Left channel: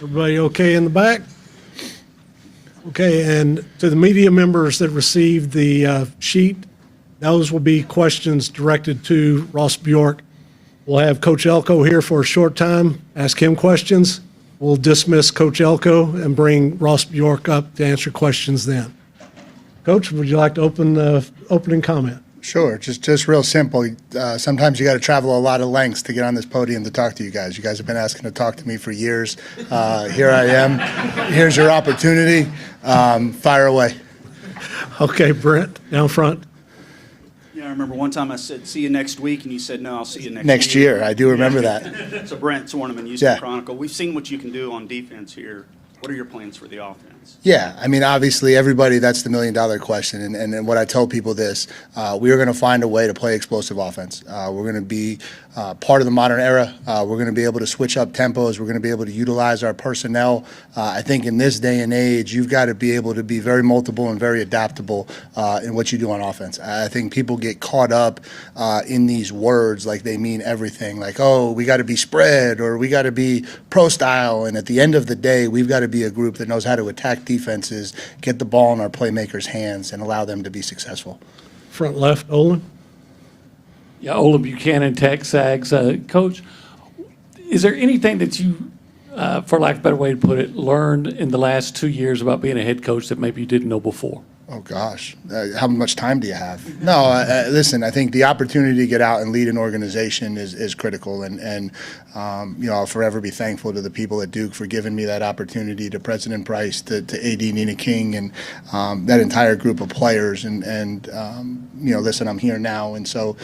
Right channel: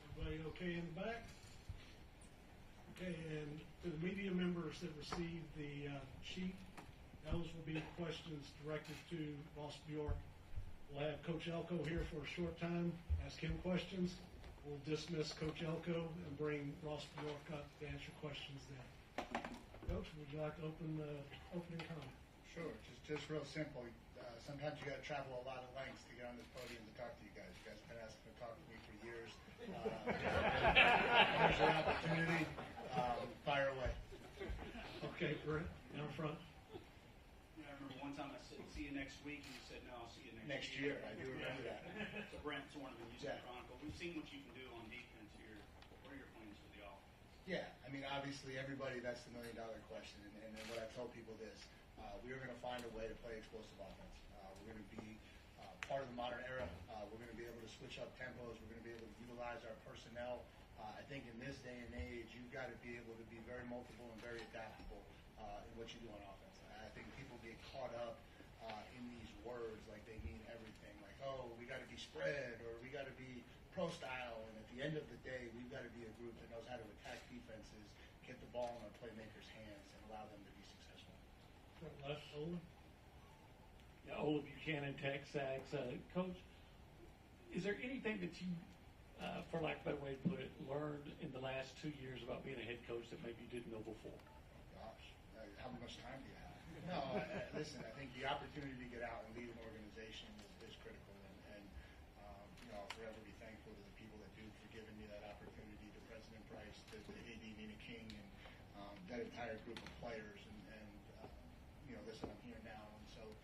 Everybody okay in the back? Okay, and to the media members that received the sheet, those will be questions directed to Ross Bjork. We'll have Coach Elko here for a short time, ask him questions. We'll dismiss Coach Elko and bring Ross Bjork up to answer questions then. Coach, would you like to open the opening comment? Sure, just real simple. Sometimes you got to travel a lot of lengths to get on this podium to talk to you guys. You guys have been asking to talk to me for years. Here I am. Here's your opportunity. Fire away. Okay, Brent, down front. Yeah, I remember one time I said, see you next week, and you said, no, I'll see you Next year. I do remember that. So Brent Swarnaman, Houston Yeah. Chronicle. We've seen what you can do on defense here. What are your plans for the offense? Yeah, I mean, obviously, everybody, that's the million-dollar question. And what I tell people this, we are going to find a way to play explosive offense. We're going to be part of the modern era. We're going to be able to switch up tempos. We're going to be able to utilize our personnel. I think in this day and age, you've got to be able to be very multiple and very adaptable in what you do on offense. I think people get caught up in these words like they mean everything, like, oh, we got to be spread or we got to be pro style. And at the end of the day, we've got to be a group that knows how to attack defenses, get the ball in our playmakers' hands, and allow them to be successful. Front left, Olin. Yeah, Olin Buchanan, Tech Sags. Coach, is there anything that you, for lack of a better way to put it, learned in the last 2 years about being a head coach that maybe you didn't know before? Oh, gosh. How much time do you have? No, listen, I think the opportunity to get out and lead an organization is critical. And I'll forever be thankful to the people at Duke for giving me that opportunity, to President Price, to AD Nina King, and that entire group of players. Listen, I'm here now. And so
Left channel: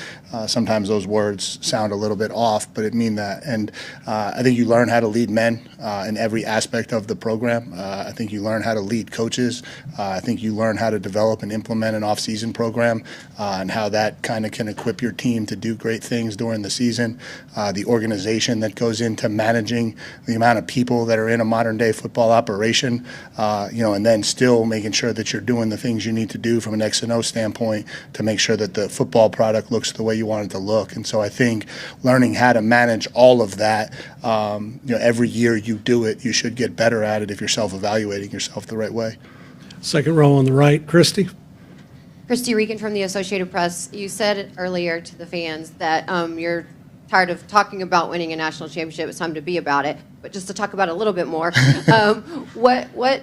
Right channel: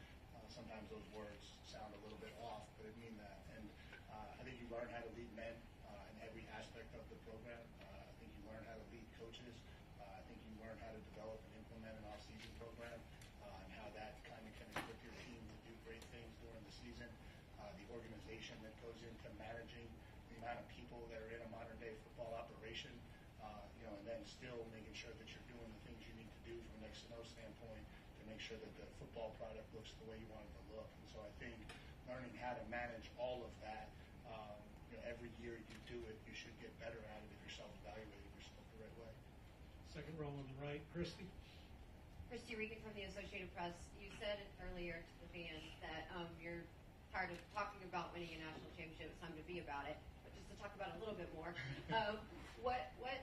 sometimes those words sound a little bit off, but it mean that. And I think you learn how to lead men in every aspect of the program. I think you learn how to lead coaches. I think you learn how to develop and implement an off-season program and how that kind of can equip your team to do great things during the season. The organization that goes into managing the amount of people that are in a modern-day football operation, and then still making sure that you're doing the things you need to do from an X&O standpoint to make sure that the football product looks the way you want it to look. And so I think learning how to manage all of that, every year you do it, you should get better at it if you're self-evaluating yourself the right way. Second row on the right, Christy. Christy Regan from the Associated Press. You said earlier to the fans that you're tired of talking about winning a national championship. It's time to be about it. But just to talk about it a little bit more, what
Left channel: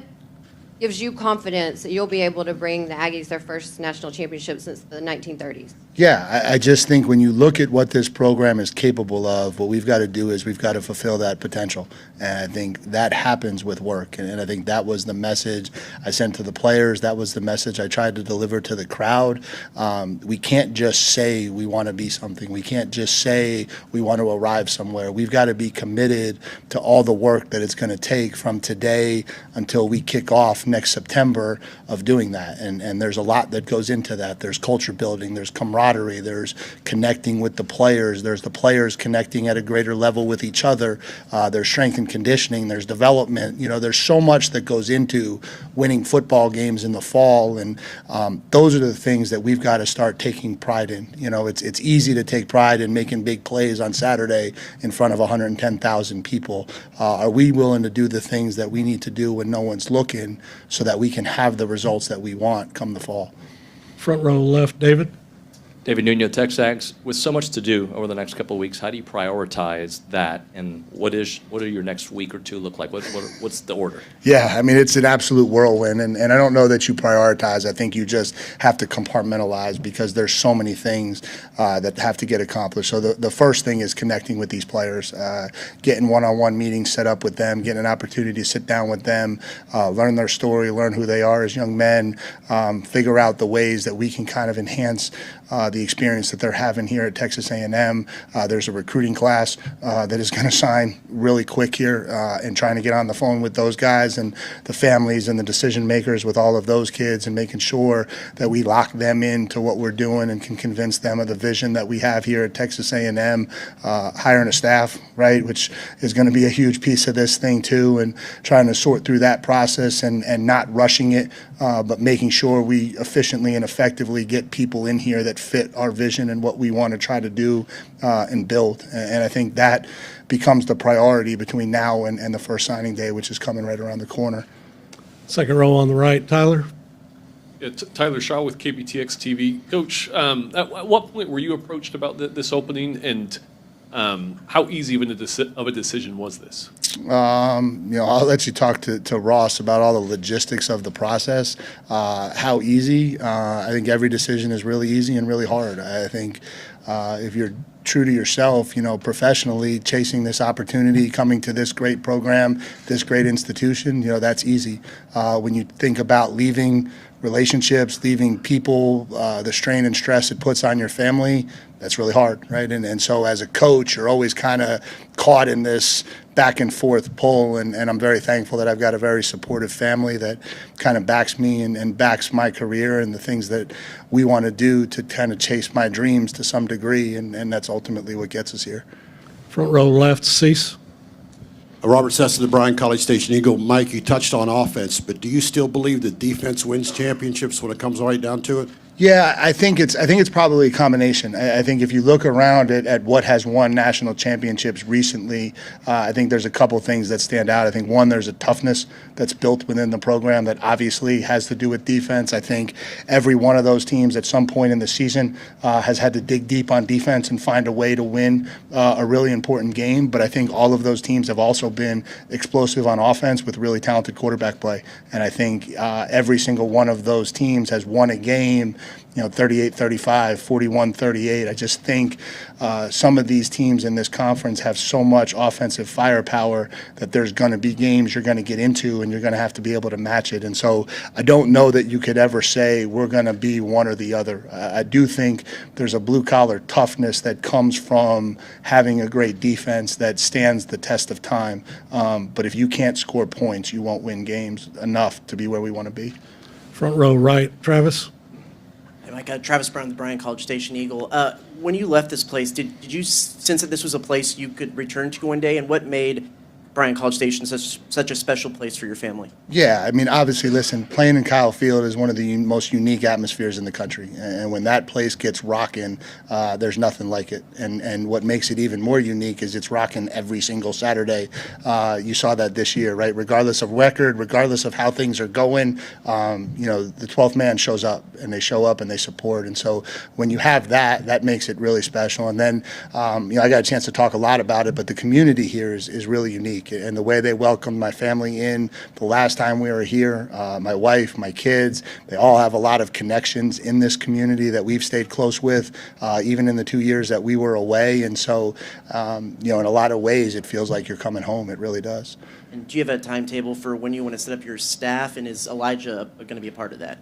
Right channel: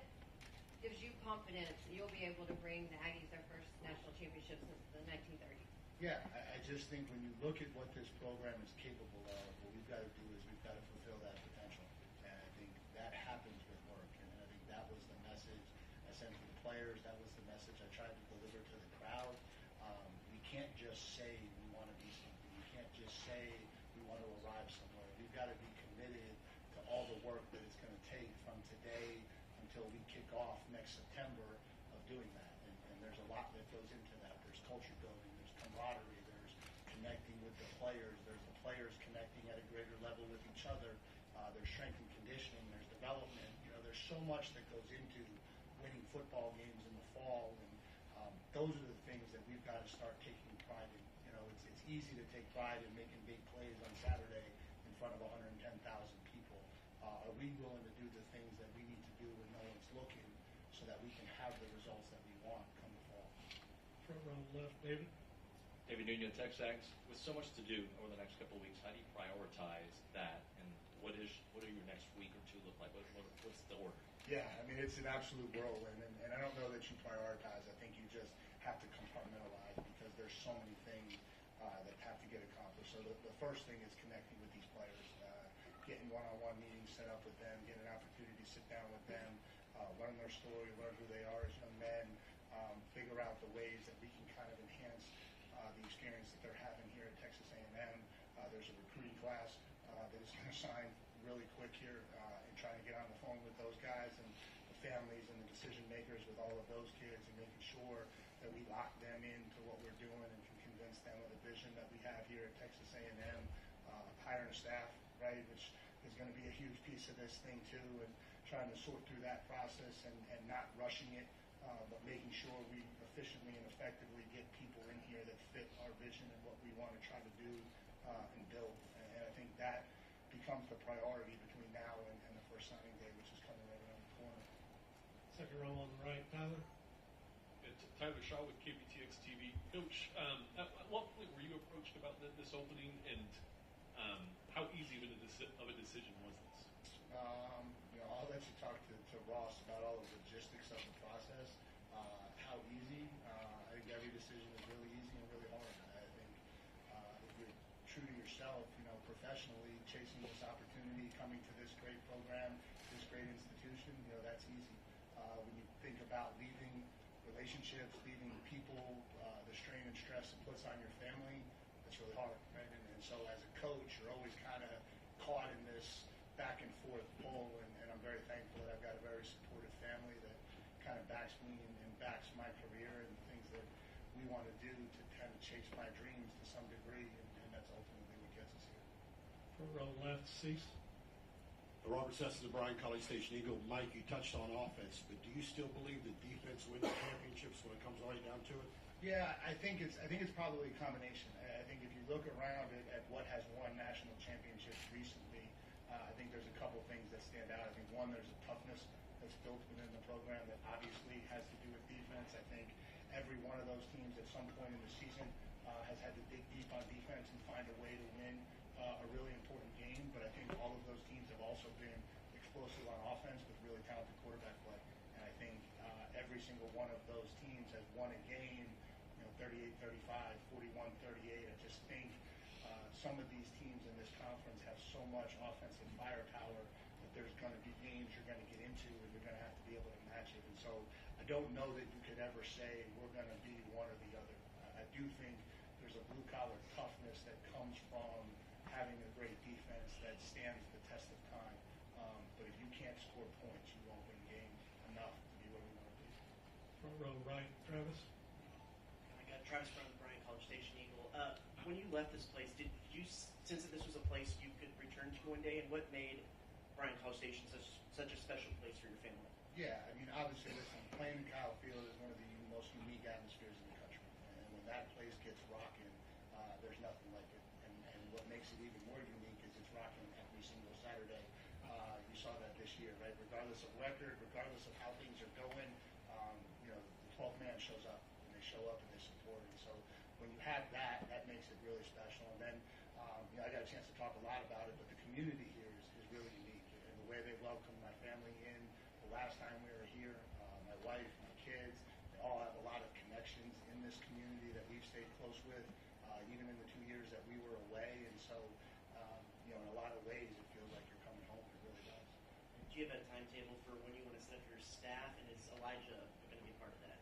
gives you confidence that you'll be able to bring the Aggies their first national championship since the 1930s? Yeah, I just think when you look at what this program is capable of, what we've got to do is we've got to fulfill that potential. And I think that happens with work. And I think that was the message I sent to the players. That was the message I tried to deliver to the crowd. We can't just say we want to be something. We can't just say we want to arrive somewhere. We've got to be committed to all the work that it's going to take from today until we kick off next September of doing that. And there's a lot that goes into that. There's culture building. There's camaraderie. There's connecting with the players. There's the players connecting at a greater level with each other. There's strength and conditioning. There's development. There's so much that goes into winning football games in the fall. And those are the things that we've got to start taking pride in. It's easy to take pride in making big plays on Saturday in front of 110,000 people. Are we willing to do the things that we need to do when no one's looking so that we can have the results that we want come the fall? Front row left, David. David Nuno, Texags, with so much to do over the next couple of weeks, how do you prioritize that, and what are your next week or two look like? What's the order? Yeah, I mean, it's an absolute whirlwind, and I don't know that you prioritize. I think you just have to compartmentalize because there's so many things that have to get accomplished. So the first thing is connecting with these players, getting one-on-one meetings set up with them, getting an opportunity to sit down with them, learn their story, learn who they are as young men, figure out the ways that we can kind of enhance the experience that they're having here at Texas A&M. There's a recruiting class that is going to sign really quick here, and trying to get on the phone with those guys and the families and the decision makers with all of those kids, and making sure that we lock them into what we're doing and can convince them of the vision that we have here at Texas A&M. Hiring a staff, right, which is going to be a huge piece of this thing too, and trying to sort through that process and not rushing it, but making sure we efficiently and effectively get people in here that fit our vision and what we want to try to do and build. And I think that becomes the priority between now and the first signing day, which is coming right around the corner. Second row on the right, Tyler. Yeah, Tyler Shaw with KBTX TV. Coach, at what point were you approached about this opening, and how easy of a decision was this? I'll let you talk to Ross about all the logistics of the process. How easy? I think every decision is really easy and really hard. I think if you're true to yourself, professionally, chasing this opportunity, coming to this great program, this great institution, that's easy. When you think about leaving relationships, leaving people, the strain and stress it puts on your family, that's really hard, right? And so as a coach, you're always kind of caught in this back and forth pull, and I'm very thankful that I've got a very supportive family that kind of backs me and backs my career and the things that we want to do to kind of chase my dreams to some degree, and that's ultimately what gets us here. Front row left, Cease. Robert Sesson, the Bryan College Station Eagle. Mike, you touched on offense, but do you still believe that defense wins championships when it comes right down to it? Yeah, I think it's probably a combination. I think if you look around at what has won national championships recently, I think there's a couple things that stand out. I think one, there's a toughness that's built within the program that obviously has to do with defense. I think every one of those teams at some point in the season has had to dig deep on defense and find a way to win a really important game. But I think all of those teams have also been explosive on offense with really talented quarterback play. And I think every single one of those teams has won a game 38-35, 41-38. I just think some of these teams in this conference have so much offensive firepower that there's going to be games you're going to get into and you're going to have to be able to match it. And so I don't know that you could ever say we're going to be one or the other. I do think there's a blue-collar toughness that comes from having a great defense that stands the test of time. But if you can't score points, you won't win games enough to be where we want to be. Front row right, Travis. Mike, Travis Brown, the Bryan College Station Eagle. When you left this place, did you sense that this was a place you could return to one day? And what made Bryan College Station such a special place for your family? Yeah, I mean, obviously, listen, playing in Kyle Field is one of the most unique atmospheres in the country. And when that place gets rocking, there's nothing like it. And what makes it even more unique is it's rocking every single Saturday. You saw that this year, right? Regardless of record, regardless of how things are going, the 12th man shows up, and they show up and they support. And so when you have that, that makes it really special. And then, I got a chance to talk a lot about it, but the community here is really unique. And the way they welcomed my family in the last time we were here, my wife, my kids, they all have a lot of connections in this community that we've stayed close with, even in the 2 years that we were away. And so, in a lot of ways, it feels like you're coming home. It really does. And do you have a timetable for when you want to set up your staff, and is Elijah going to be a part of that?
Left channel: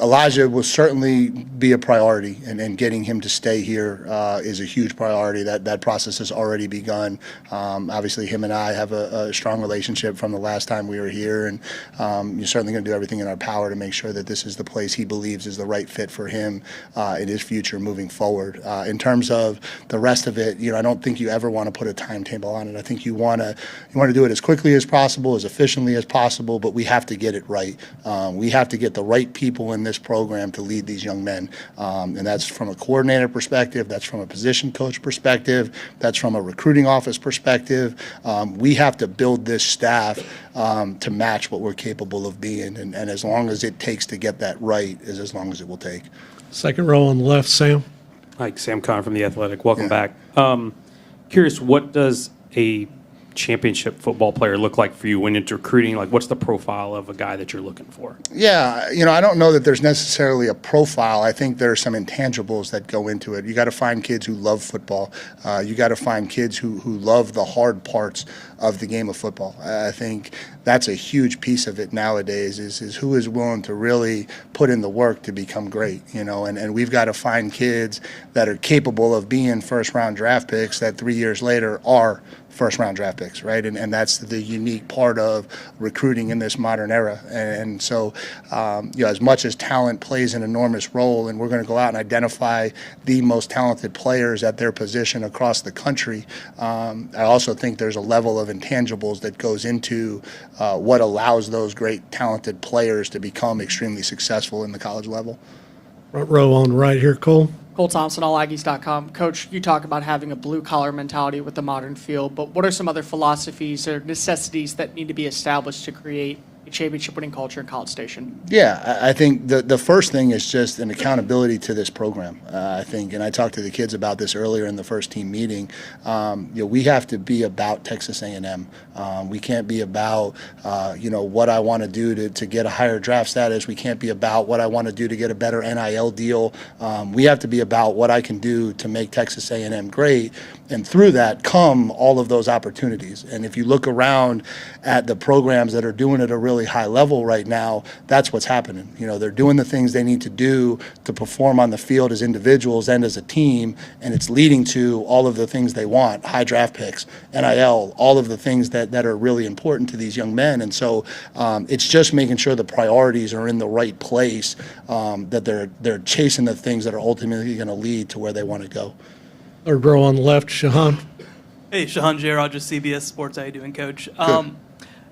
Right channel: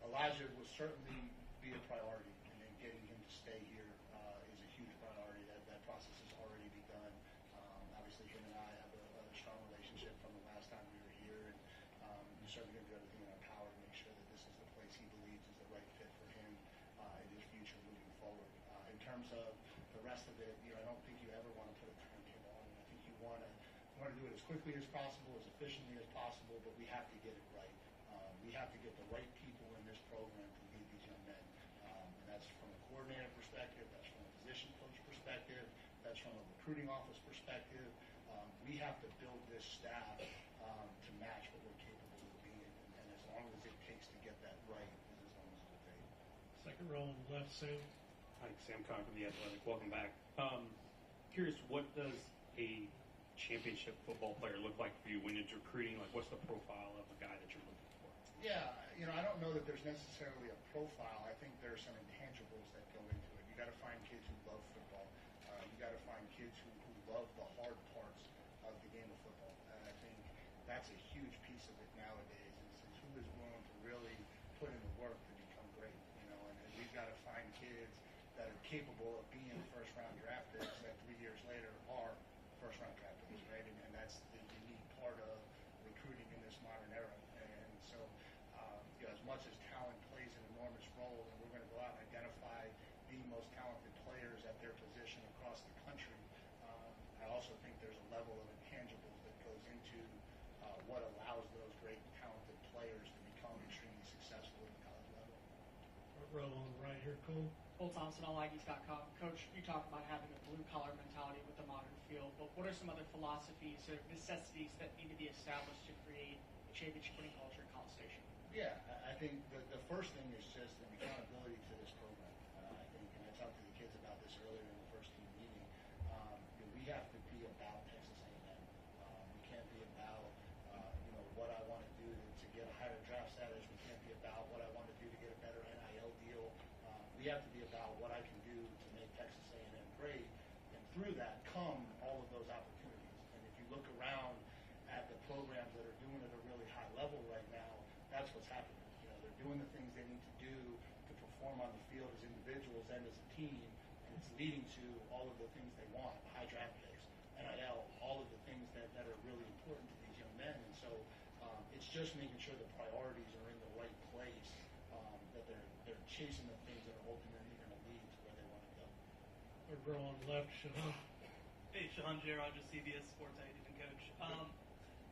Elijah will certainly be a priority, and getting him to stay here is a huge priority. That process has already begun. Obviously, him and I have a strong relationship from the last time we were here, and you're certainly going to do everything in our power to make sure that this is the place he believes is the right fit for him in his future moving forward. In terms of the rest of it, I don't think you ever want to put a timetable on it. I think you want to do it as quickly as possible, as efficiently as possible, but we have to get it right. We have to get the right people in this program to lead these young men, and that's from a coordinator perspective, that's from a position coach perspective, that's from a recruiting office perspective. We have to build this staff to match what we're capable of being, and as long as it takes to get that right is as long as it will take. Second row on the left, Sam. Hi, Sam Conn from The Athletic. Welcome Yeah. back. Curious, what does a championship football player look like for you when it's recruiting? Like, what's the profile of a guy that you're looking for? Yeah, I don't know that there's necessarily a profile. I think there are some intangibles that go into it. You got to find kids who love football. You got to find kids who love the hard parts of the game of football. I think that's a huge piece of it nowadays is who is willing to really put in the work to become great, and we've got to find kids that are capable of being first-round draft picks that 3 years later are first-round draft picks, right? And that's the unique part of recruiting in this modern era. And so, as much as talent plays an enormous role, and we're going to go out and identify the most talented players at their position across the country, I also think there's a level of intangibles that goes into what allows those great talented players to become extremely successful in the college level. Front row on the right here, Cole. Cole Thompson, allaggies.com. Coach, you talk about having a blue-collar mentality with the modern field, but what are some other philosophies or necessities that need to be established to create a championship-winning culture in College Station? Yeah, I think the first thing is just an accountability to this program. I think, and I talked to the kids about this earlier in the first team meeting. We have to be about Texas A&M. We can't be about what I want to do to get a higher draft status. We can't be about what I want to do to get a better NIL deal. We have to be about what I can do to make Texas A&M great. And through that come all of those opportunities. And if you look around at the programs that are doing it at a really high level right now, that's what's happening. They're doing the things they need to do to perform on the field as individuals and as a team, and it's leading to all of the things they want: high draft picks, NIL, all of the things that are really important to these young men. And so it's just making sure the priorities are in the right place, that they're chasing the things that are ultimately going to lead to where they want to go. Third row on the left, Shahan. Hey, Shahan J. Rogers, CBS Sports. How you doing, Coach?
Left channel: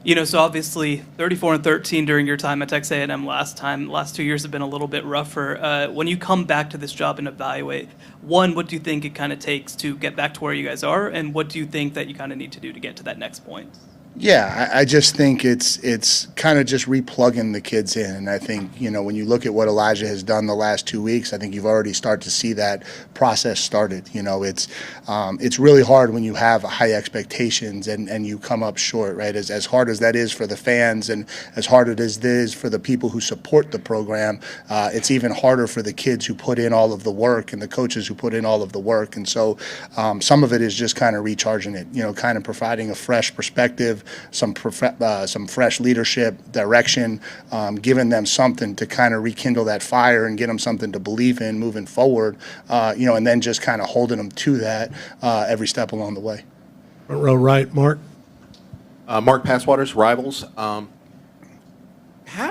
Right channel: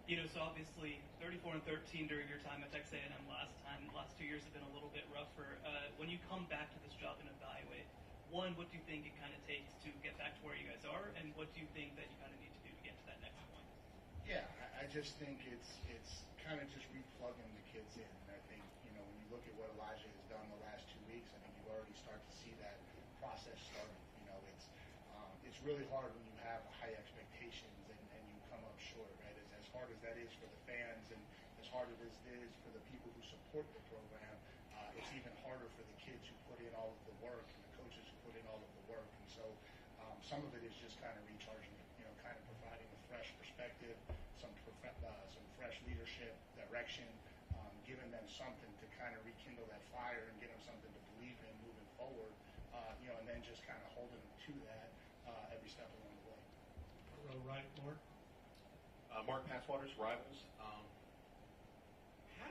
Good. So obviously 34-13 during your time at Texas A&M last 2 years have been a little bit rougher. When you come back to this job and evaluate, one, what do you think it kind of takes to get back to where you guys are, and what do you think that you kind of need to do to get to that next point? Yeah, I just think it's kind of just replugging the kids in. And I think, when you look at what Elijah has done the last 2 weeks, I think you've already started to see that process started. It's really hard when you have high expectations and you come up short, right? As hard as that is for the fans and as hard as it is for the people who support the program, it's even harder for the kids who put in all of the work and the coaches who put in all of the work. And so some of it is just kind of recharging it, kind of providing a fresh perspective, some fresh leadership, direction, giving them something to kind of rekindle that fire and get them something to believe in moving forward, and then just kind of holding them to that every step along the way. Front row right, Mark. Mark Passwaters, Rivals. How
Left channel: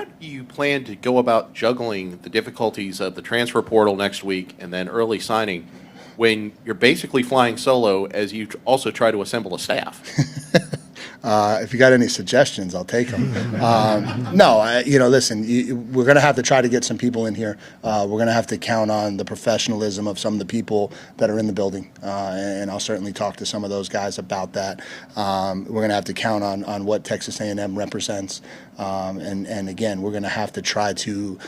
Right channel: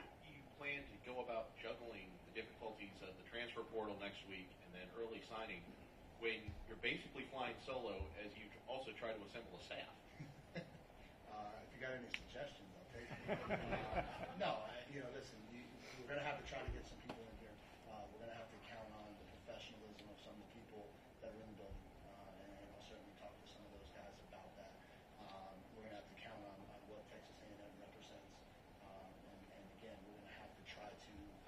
do you plan to go about juggling the difficulties of the transfer portal next week and then early signing when you're basically flying solo as you also try to assemble a staff? If you got any suggestions, I'll take them. Listen, we're going to have to try to get some people in here. We're going to have to count on the professionalism of some of the people that are in the building, and I'll certainly talk to some of those guys about that. We're going to have to count on what Texas A&M represents. And again, we're going to have to try to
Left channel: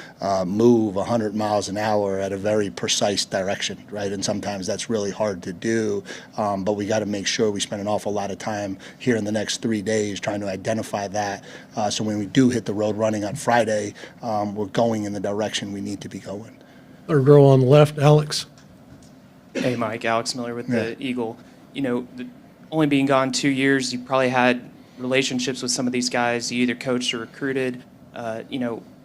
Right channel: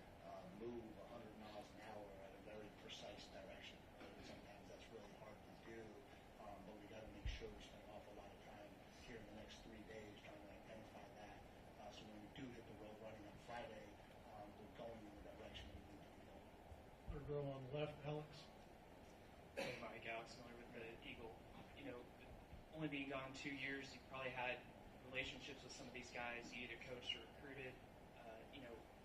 move 100 miles an hour at a very precise direction, right? And sometimes that's really hard to do, but we got to make sure we spend an awful lot of time here in the next 3 days trying to identify that. So when we do hit the road running on Friday, we're going in the direction we need to be going. Third row on the left, Alex. Hey, Mike. Alex Miller with the Eagle. Only being gone 2 years, you probably had relationships with some of these guys you either coached or recruited.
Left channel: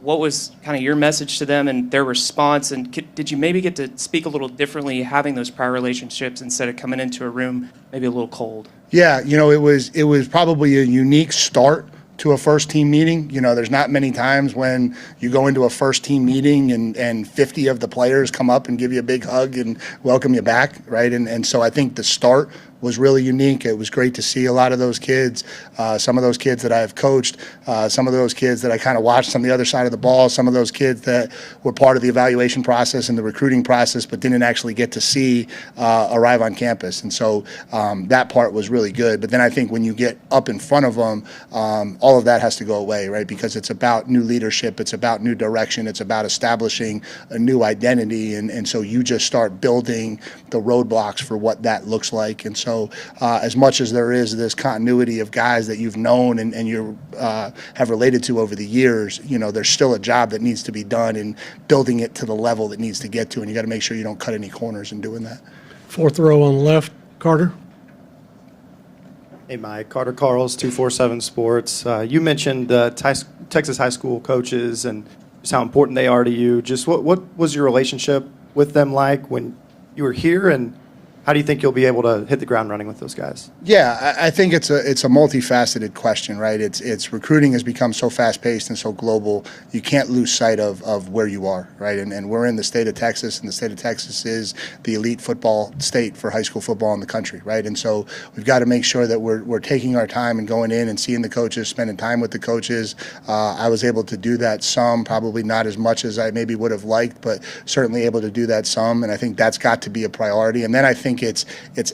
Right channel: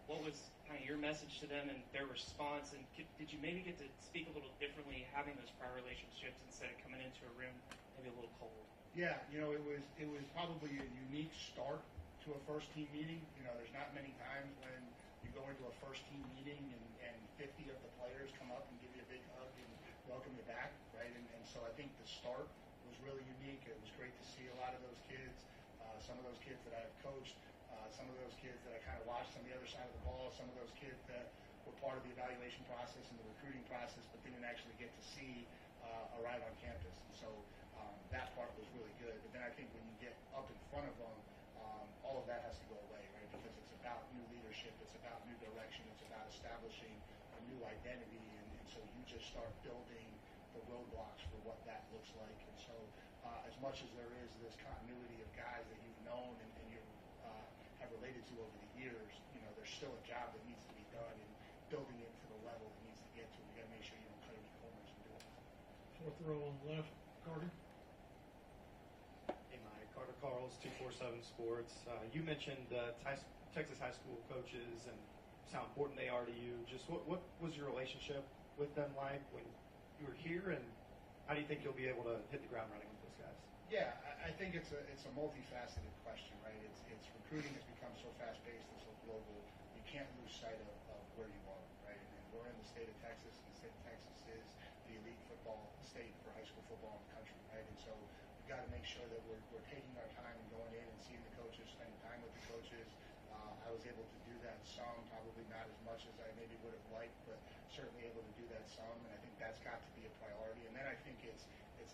What was kind of your message to them and their response? And did you maybe get to speak a little differently having those prior relationships instead of coming into a room maybe a little cold? Yeah, it was probably a unique start to a first team meeting. There's not many times when you go into a first team meeting and 50 of the players come up and give you a big hug and welcome you back, right? And so I think the start was really unique. It was great to see a lot of those kids, some of those kids that I have coached, some of those kids that I kind of watched on the other side of the ball, some of those kids that were part of the evaluation process and the recruiting process, but didn't actually get to see arrive on campus. And so that part was really good. But then I think when you get up in front of them, all of that has to go away, right? Because it's about new leadership, it's about new direction, it's about establishing a new identity. And so you just start building the roadblocks for what that looks like. And so as much as there is this continuity of guys that you've known and you have related to over the years, you know, there's still a job that needs to be done in building it to the level that needs to get to. And you got to make sure you don't cut any corners in doing that. Fourth row on the left, Carter. Hey, Mike. Carter Carls, 247 Sports. You mentioned Texas high school coaches and just how important they are to you. Just what was your relationship with them like when you were here, and how do you think you'll be able to hit the ground running with those guys? Yeah, I think it's a multifaceted question, right? It's recruiting has become so fast-paced and so global, you can't lose sight of where you are, right? And we're in the state of Texas, and the state of Texas is the elite football state for high school football in the country, right? And so we've got to make sure that we're taking our time and going in and seeing the coaches, spending time with the coaches. I was able to do that some, probably not as much as I maybe would have liked, but certainly able to do that some, and I think that's got to be a priority. And then I think it's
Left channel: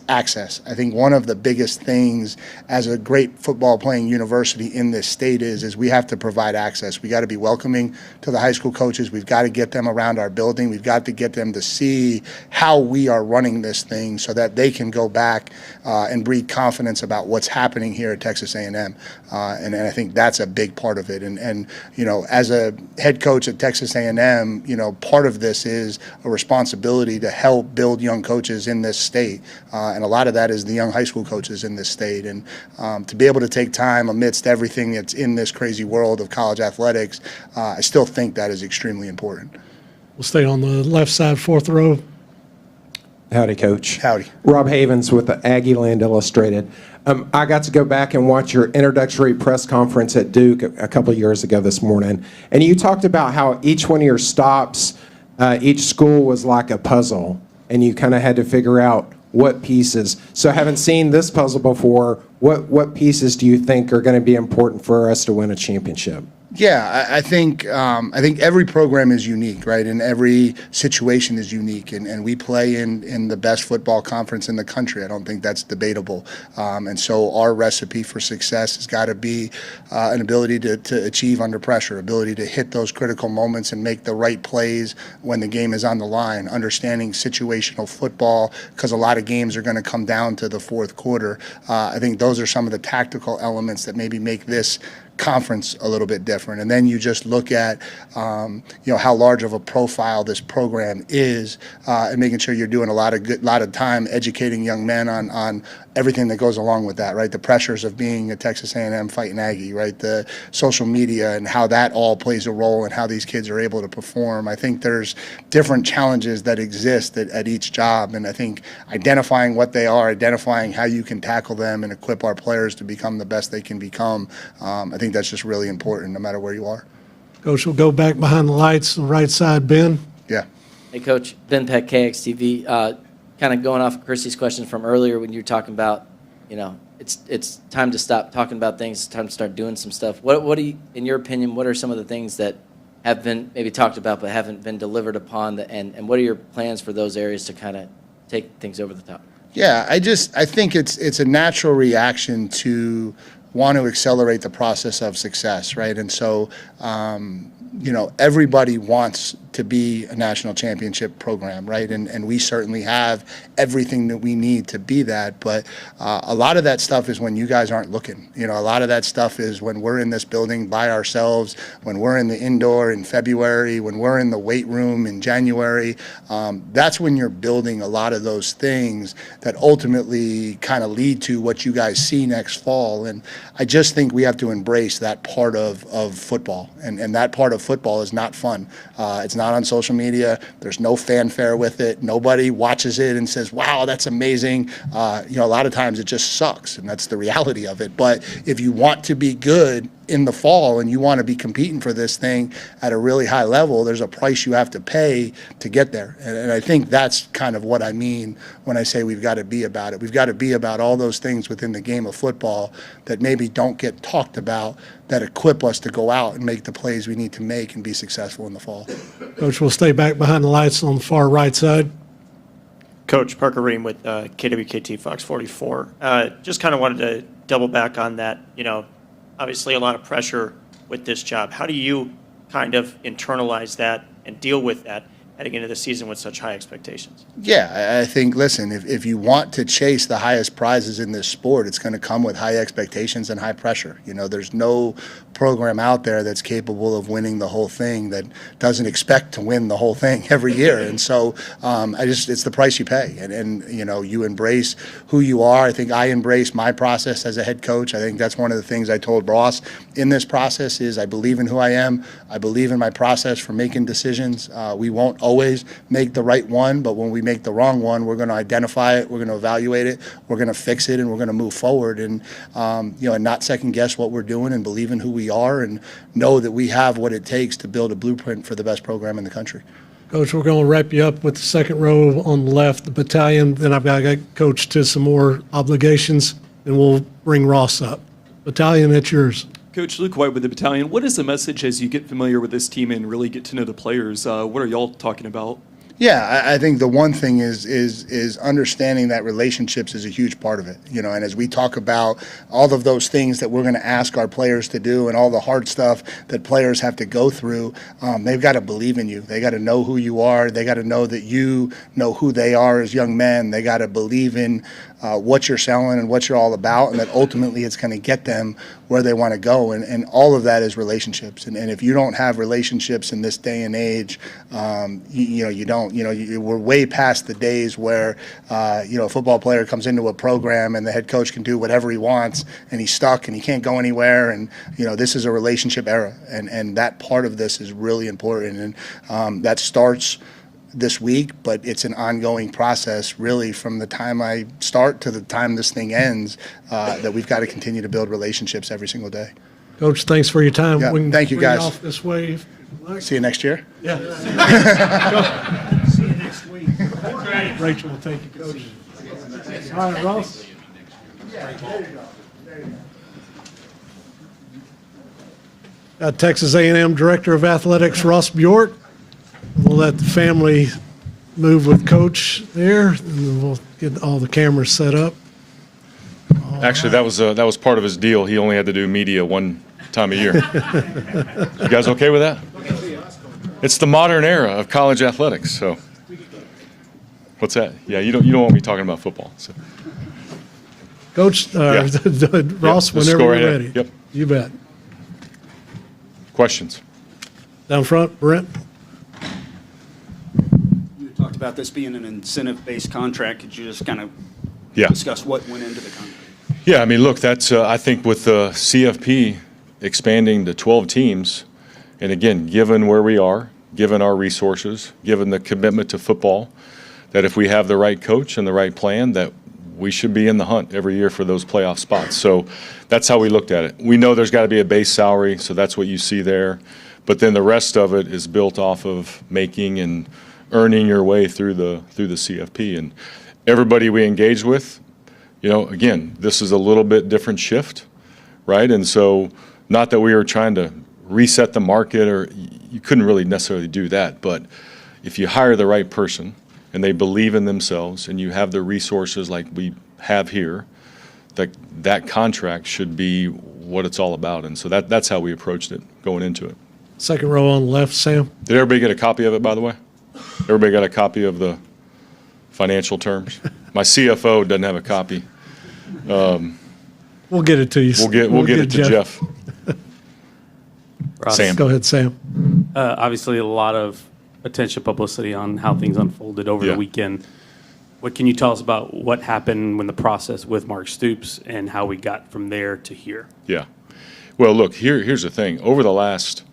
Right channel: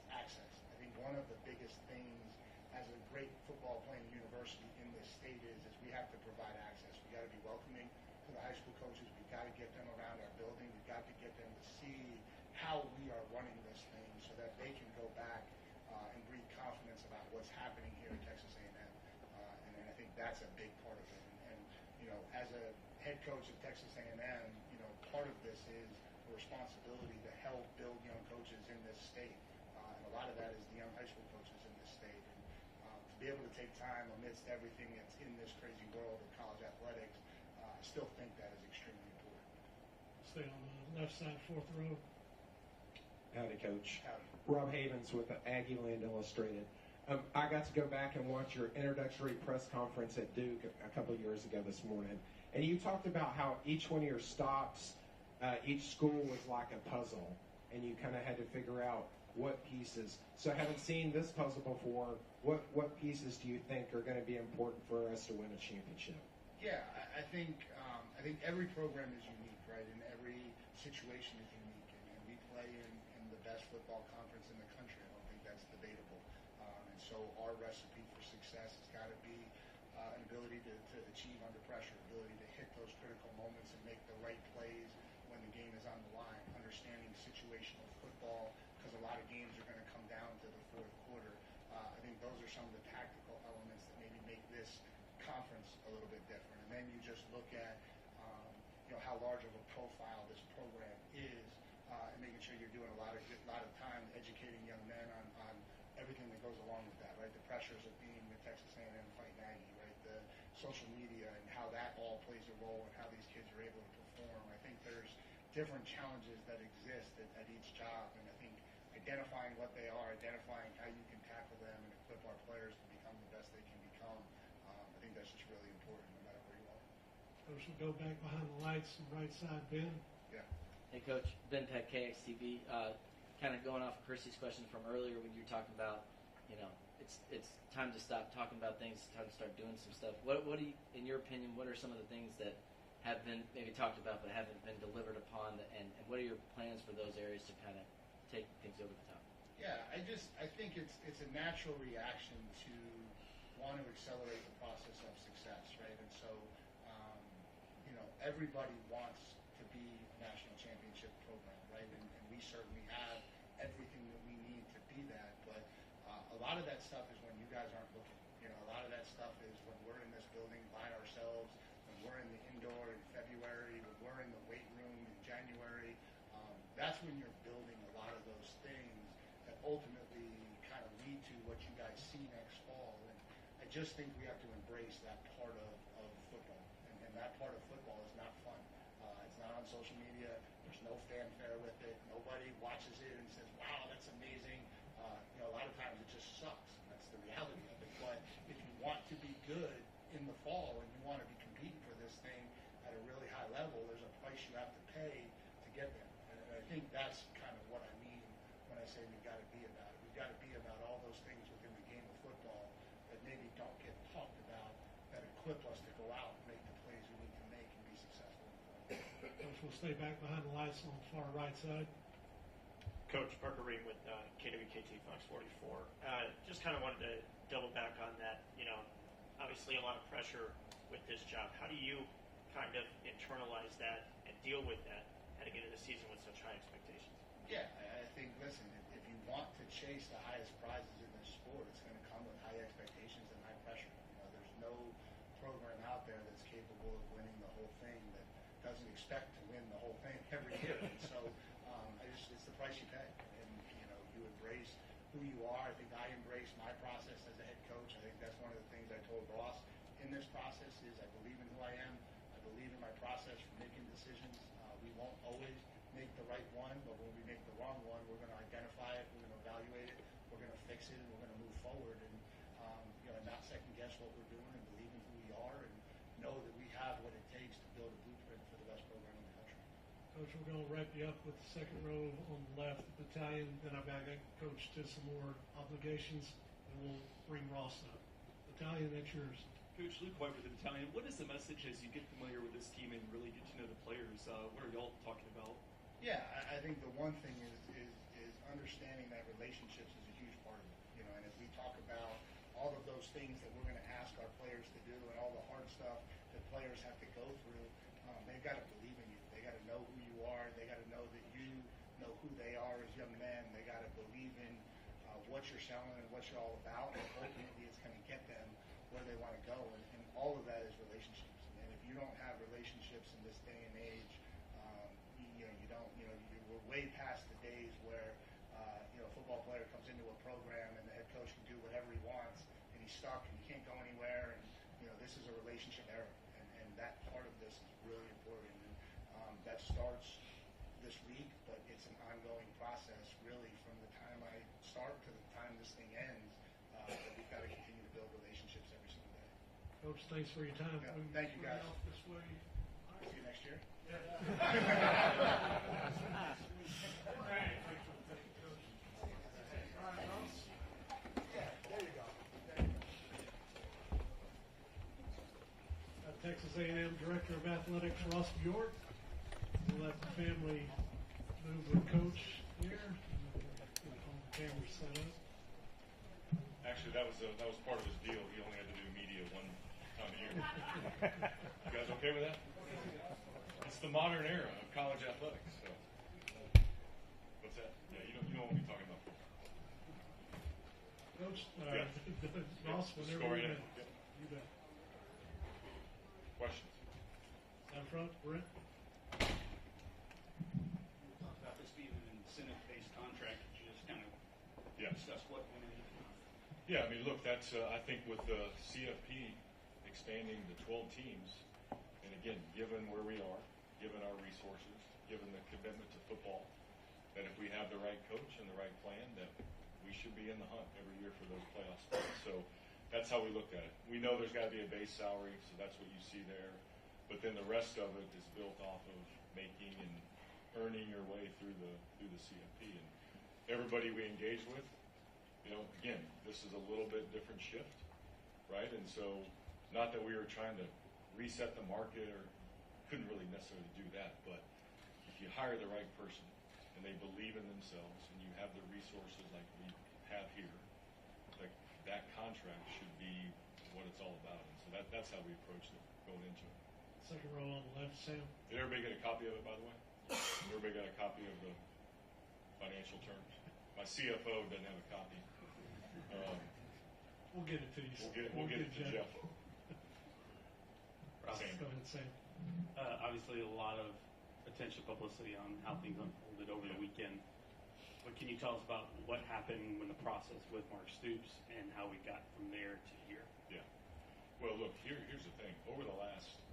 access. I think one of the biggest things as a great football playing university in this state is we have to provide access. We got to be welcoming to the high school coaches. We've got to get them around our building. We've got to get them to see how we are running this thing so that they can go back and breed confidence about what's happening here at Texas A&M. And I think that's a big part of it. And you know, as a head coach at Texas A&M, you know, part of this is a responsibility to help build young coaches in this state. And a lot of that is the young high school coaches in this state. And to be able to take time amidst everything that's in this crazy world of college athletics, I still think that is extremely important. We'll stay on the left side, fourth row. Howdy, Coach. Howdy. Rob Havens with the Aggie Land Illustrated. I got to go back and watch your introductory press conference at Duke a couple of years ago this morning, and you talked about how each one of your stops, each school was like a puzzle, and you kind of had to figure out what pieces. So having seen this puzzle before, what pieces do you think are going to be important for us to win a championship? Yeah, I think every program is unique, right? And every situation is unique. And we play in the best football conference in the country. I don't think that's debatable. And so our recipe for success has got to be an ability to achieve under pressure, ability to hit those critical moments and make the right plays when the game is on the line, understanding situational football, because a lot of games are going to come down to the fourth quarter. I think those are some of the tactical elements that maybe make this conference a little bit different. And then you just look at how large of a profile this program is, and making sure you're doing a lot of time educating young men on everything that goes along with that, right? The pressures of being a Texas A&M Fighting Aggie, right? The social media and how that all plays a role in how these kids are able to perform. I think there's different challenges that exist at each job, and I think identifying what they are, identifying how you can tackle them and equip our players to become the best they can become, I think that's just really important no matter where you are. Coach, we'll go back behind the lights, on the right side, Ben. Yeah. Hey, Coach. Ben Peck, KXTV. Kind of going off of Christy's question from earlier when you were talking about, it's time to stop talking about things, it's time to start doing some stuff. What do you, in your opinion, what are some of the things that have been maybe talked about but haven't been delivered upon, and what are your plans for those areas to kind of take things over the top? Yeah, I think it's a natural reaction to want to accelerate the process of success, right? And so, everybody wants to be a national championship program, right? And we certainly have everything that we need to be that. But a lot of that stuff is when you guys aren't looking. A lot of that stuff is when we're in this building by ourselves, when we're in the indoor in February, when we're in the weight room in January. That's when you're building a lot of those things that ultimately kind of lead to what you guys see next fall. And I just think we have to embrace that part of football. And that part of football is not fun. It's not on social media. There's no fanfare with it. Nobody watches it and says, wow, that's amazing. A lot of times it just sucks, and that's the reality of it. But if you want to be good in the fall and you want to be competing for this thing at a really high level, there's a price you have to pay to get there. And I think that's kind of what I mean when I say we've got to be about it. We've got to be about all those things within the game of football that maybe don't get talked about, that equip us to go out and make the plays we need to make and be successful in the fall. Coach, we'll stay back behind the lights on the far right side. Coach Parker Ream with KWKT Fox 44. Just kind of wanted to double back on that. You know, obviously a lot of pressure with this job. How do you kind of internalize that and deal with that heading into the season with such high expectations? Yeah, I think, listen, if you want to chase the highest prizes in this sport, it's going to come with high expectations and high pressure. You know, there's no program out there that's capable of winning the whole thing that doesn't expect to win the whole thing every year. And so it's the price you pay. And, you know, you embrace who you are. I think I embrace my process as a head coach. I think that's one of the things I told Ross in this process is I believe in who I am. I believe in my process for making decisions. We won't always make the right one, but when we make the wrong one, we're going to identify it, we're going to evaluate it, we're going to fix it, and we're going to move forward and, you know, and not second guess what we're doing and believe in who we are and know that we have what it takes to build a blueprint for the best program in the country. Coach, we're going to wrap you up with the second row on the left, the battalion. Then I've got to get Coach to some more obligations, and we'll bring Ross up. Battalion, it's yours. Coach Luke White with the battalion. What is the message as you get familiar with this team and really get to know the players? What are y'all talking about? Yeah, I think the one thing is understanding that relationships is a huge part of it. You know, and as we talk about all of those things that we're going to ask our players to do and all the hard stuff that players have to go through, they've got to believe in you. They got to know who you are. They got to know that you know who they are as young men. They got to believe in what you're selling and what you're all about, and that ultimately it's going to get them where they want to go. And all of that is relationships. And if you don't have relationships in this day and age, you don't. You know, we're way past the days where, you know, a football player comes into a program and the head coach can do whatever he wants and he's stuck and he can't go anywhere. And, you know, this is a relationship era. And that part of this is really important. And that starts this week, but it's an ongoing process really from the time I start to the time this thing ends, that we've got to continue to build relationships every single day. Coach, thanks for your time. Yeah, We can thank you, bring guys. Off this way. See you next year. Yeah. See you next week. Rachel will take you, Coach. All right, Ross. Texas A&M Director of Athletics, Ross Bjork. We'll let the family move with Coach there, and then we'll get all the cameras set up. Actually, that was part of his deal. He only had to do media one time a year. You guys okay with that? It's the modern era of college athletics. So, what's that? Yeah, you don't want me talking about football. So. Coach, Ross, Yep, whenever go you're right ahead. ready. Yep. You bet. Questions? Down front, Brent. You talked about this being an incentive-based contract. Could you just kind of Yeah. discuss what went into the contract? Yeah, I mean, look, that's I think with the CFP expanding to 12 teams, and again, given where we are, given our resources, given the commitment to football, that if we have the right coach and the right plan, that we should be in the hunt every year for those playoff spots. So that's how we looked at it. We know there's got to be a base salary, so that's what you see there. But then the rest of it is built off of making and earning your way through the CFP. And everybody we engage with, you know, again, this is a little bit different shift, right? And so not that we were trying to reset the market, or you couldn't really necessarily do that, but if you hire the right person and they believe in themselves and you have the resources like we have here, that contract should be what it's all about. And so that's how we approached it going into it. Second row on the left, Sam. Did everybody get a copy of it, by the way? Everybody got a copy of the financial terms? My CFO doesn't have a copy. We'll get it to you. We'll get it to Jeff. Sam. Go ahead, Sam. Obviously, a lot of attention, publicity on how things unfolded over the weekend. What can you tell us about what happened when the process with Mark Stoops and how we got from there to here? Yeah. Well, look, here's the thing. Over the last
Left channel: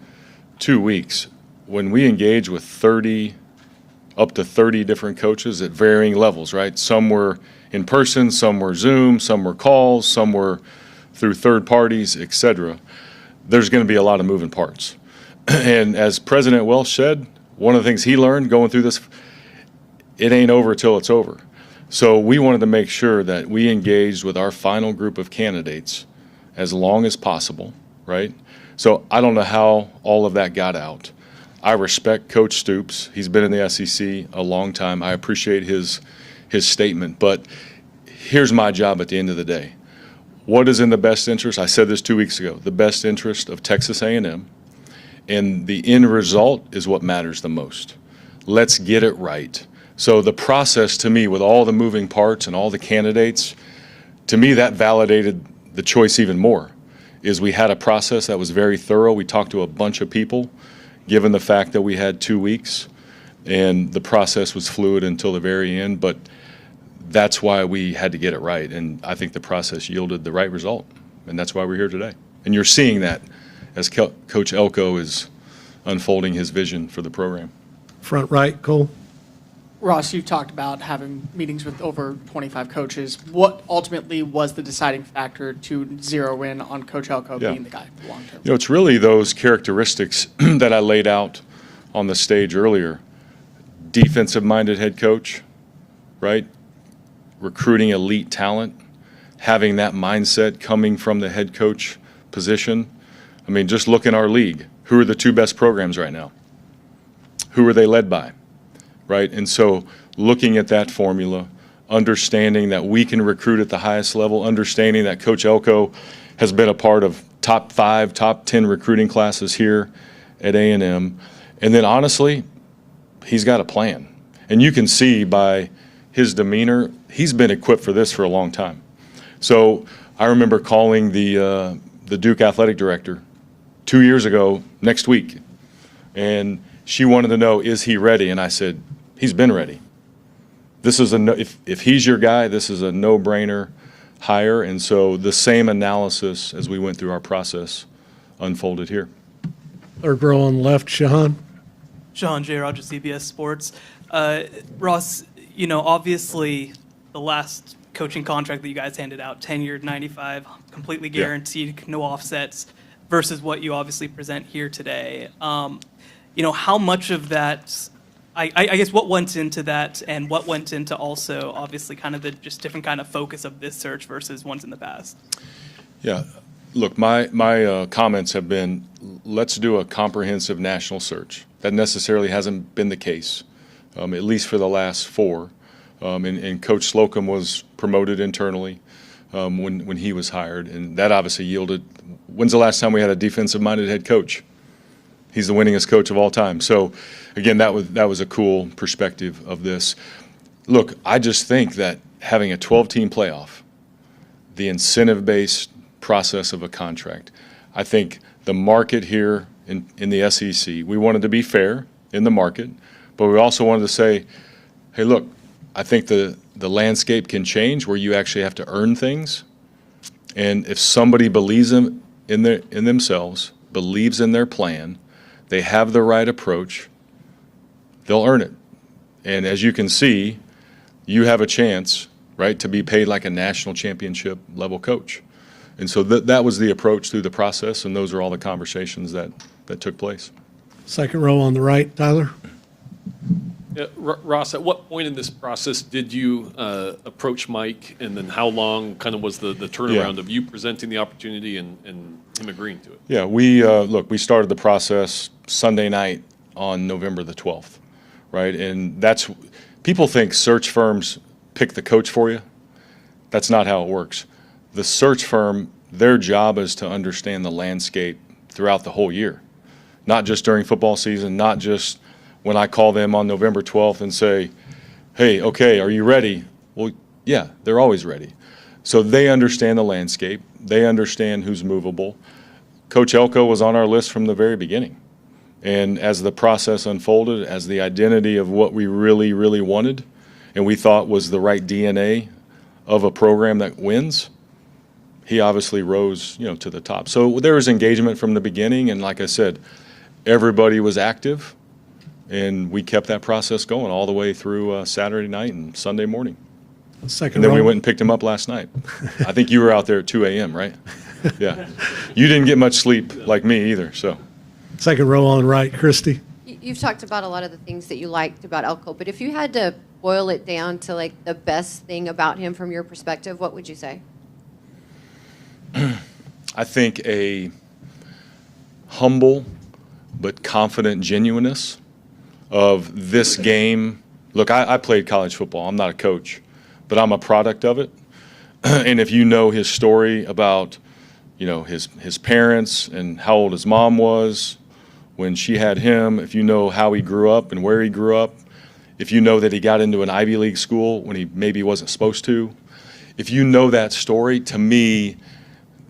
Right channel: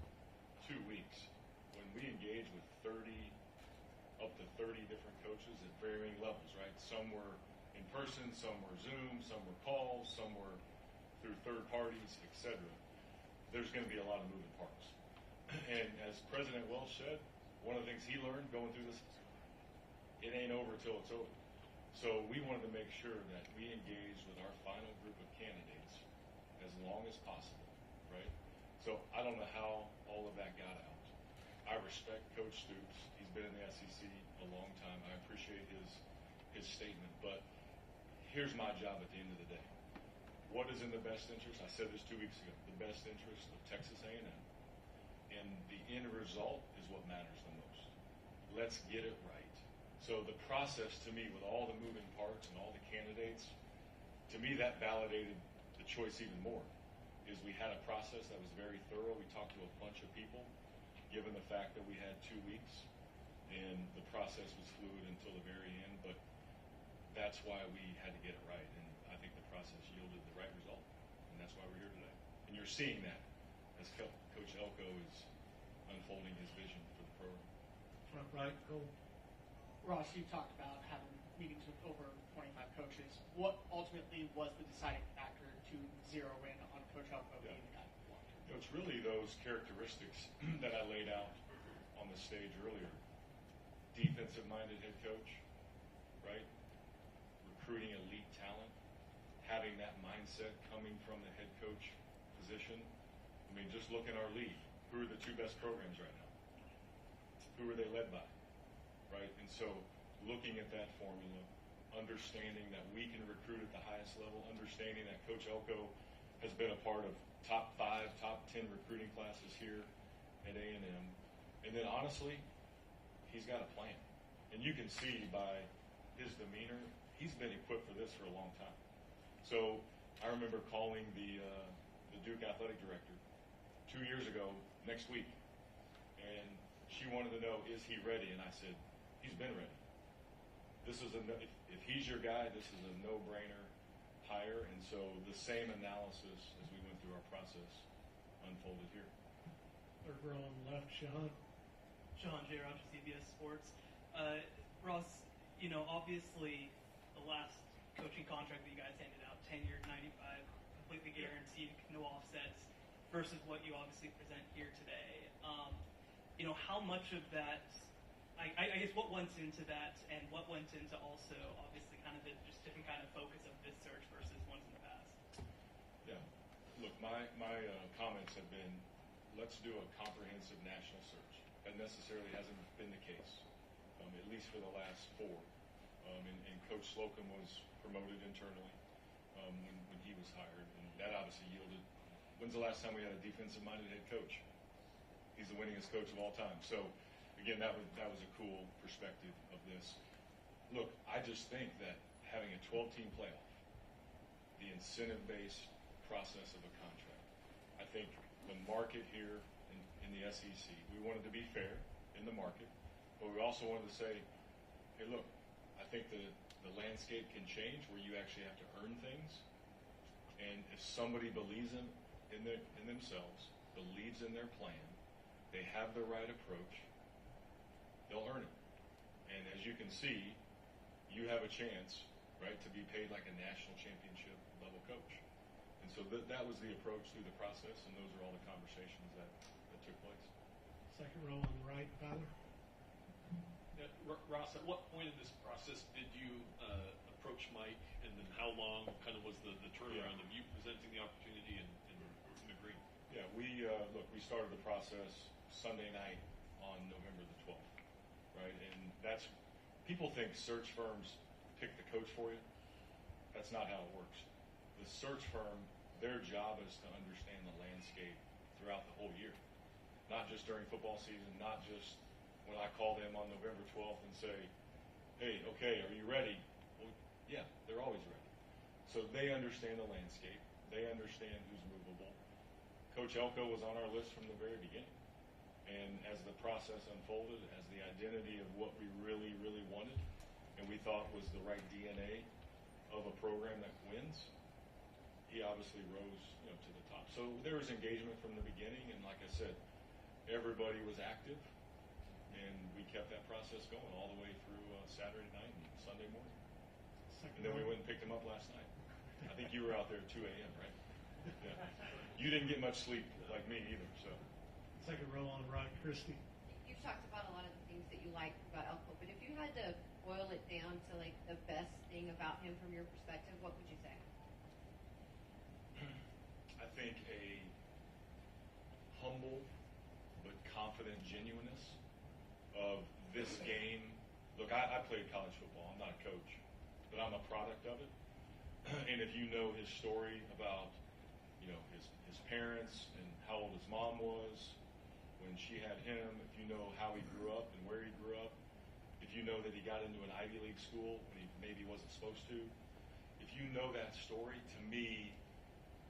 2 weeks, when we engage with up to 30 different coaches at varying levels, right? Some were in person, some were Zoom, some were calls, some were through third parties, et cetera. there's going to be a lot of moving parts. And as President Welsh said, one of the things he learned going through this, it ain't over till it's over. So we wanted to make sure that we engaged with our final group of candidates as long as possible, right? So I don't know how all of that got out. I respect Coach Stoops. He's been in the SEC a long time. I appreciate his statement. But here's my job at the end of the day. What is in the best interest? I said this 2 weeks ago. The best interest of Texas A&M. And the end result is what matters the most. Let's get it right. So the process, to me, with all the moving parts and all the candidates, to me that validated the choice even more, is we had a process that was very thorough. We talked to a bunch of people, given the fact that we had 2 weeks, and the process was fluid until the very end. But that's why we had to get it right, and I think the process yielded the right result, and that's why we're here today. And you're seeing that as Coach Elko is unfolding his vision for the program. Front right, Cole. Ross, you've talked about having meetings with over 25 coaches. What ultimately was the deciding factor to zero in on Coach Elko being the guy for long term? It's really those characteristics that I laid out on the stage earlier. Defensive-minded head coach, right? Recruiting elite talent, having that mindset coming from the head coach position. I mean, just look in our league. Who are the 2 best programs right now? Who are they led by? Right? And so looking at that formula, understanding that we can recruit at the highest level, understanding that Coach Elko has been a part of top 5, top 10 recruiting classes here at A&M. And then honestly, he's got a plan. And you can see by his demeanor, he's been equipped for this for a long time. So I remember calling the Duke athletic director 2 years ago next week, and she wanted to know, is he ready? And I said, he's been ready. This is if he's your guy, this is a no-brainer hire. And so the same analysis as we went through our process unfolded here. Third row on the left, Shahan. Sean J. Rogers, CBS Sports. Ross, obviously the last coaching contract that you guys handed out, 10-year, 95, completely guaranteed, no offsets, versus what you obviously present here today. How much of that, I guess what went into that, and what went into also obviously kind of the just different kind of focus of this search versus ones in the past? Yeah, look, my comments have been, let's do a comprehensive national search. That necessarily hasn't been the case, at least for the last 4. And Coach Slocum was promoted internally when he was hired, and that obviously yielded. When's the last time we had a defensive-minded head coach? He's the winningest coach of all time. So, again, that was a cool perspective of this. Look, I just think that having a 12-team playoff, the incentive-based process of a contract, I think the market here in the SEC, we wanted to be fair in the market, but we also wanted to say, hey, look, I think the landscape can change where you actually have to earn things. And if somebody believes in themselves, believes in their plan, they have the right approach, they'll earn it. And as you can see, you have a chance, right, to be paid like a national championship level coach. And so that was the approach through the process, and those are all the conversations that took place. Second row on the right, Tyler. Yeah, Ross, at what point in this process did you approach Mike, and then how long kind of was the turnaround of you presenting the opportunity and him agreeing to it? Yeah, we started the process Sunday night on November the 12th, right? And people think search firms pick the coach for you. That's not how it works. The search firm, their job is to understand the landscape throughout the whole year, not just during football season, not just when I call them on November 12th and say, hey, okay, are you ready? Well, yeah, they're always ready. So they understand the landscape. They understand who's movable. Coach Elko was on our list from the very beginning. And as the process unfolded, as the identity of what we really, really wanted and we thought was the right DNA of a program that wins, he obviously rose, to the top. So there was engagement from the beginning, and like I said, everybody was active, and we kept that process going all the way through Saturday night and Sunday morning. Second and then row. we went and picked him up last night. I think you were out there at 2 a.m., right? Yeah. You didn't get much sleep like me either, so. Second row on right, Christy. You've talked about a lot of the things that you liked about Elko, but if you had to boil it down to like the best thing about him from your perspective, what would you say? I think a humble but confident genuineness of this game. Look, I played college football. I'm not a coach, but I'm a product of it. And if you know his story about, his parents and how old his mom was when she had him, if you know how he grew up and where he grew up, if you know that he got into an Ivy League school when he maybe wasn't supposed to, if you know that story, to me,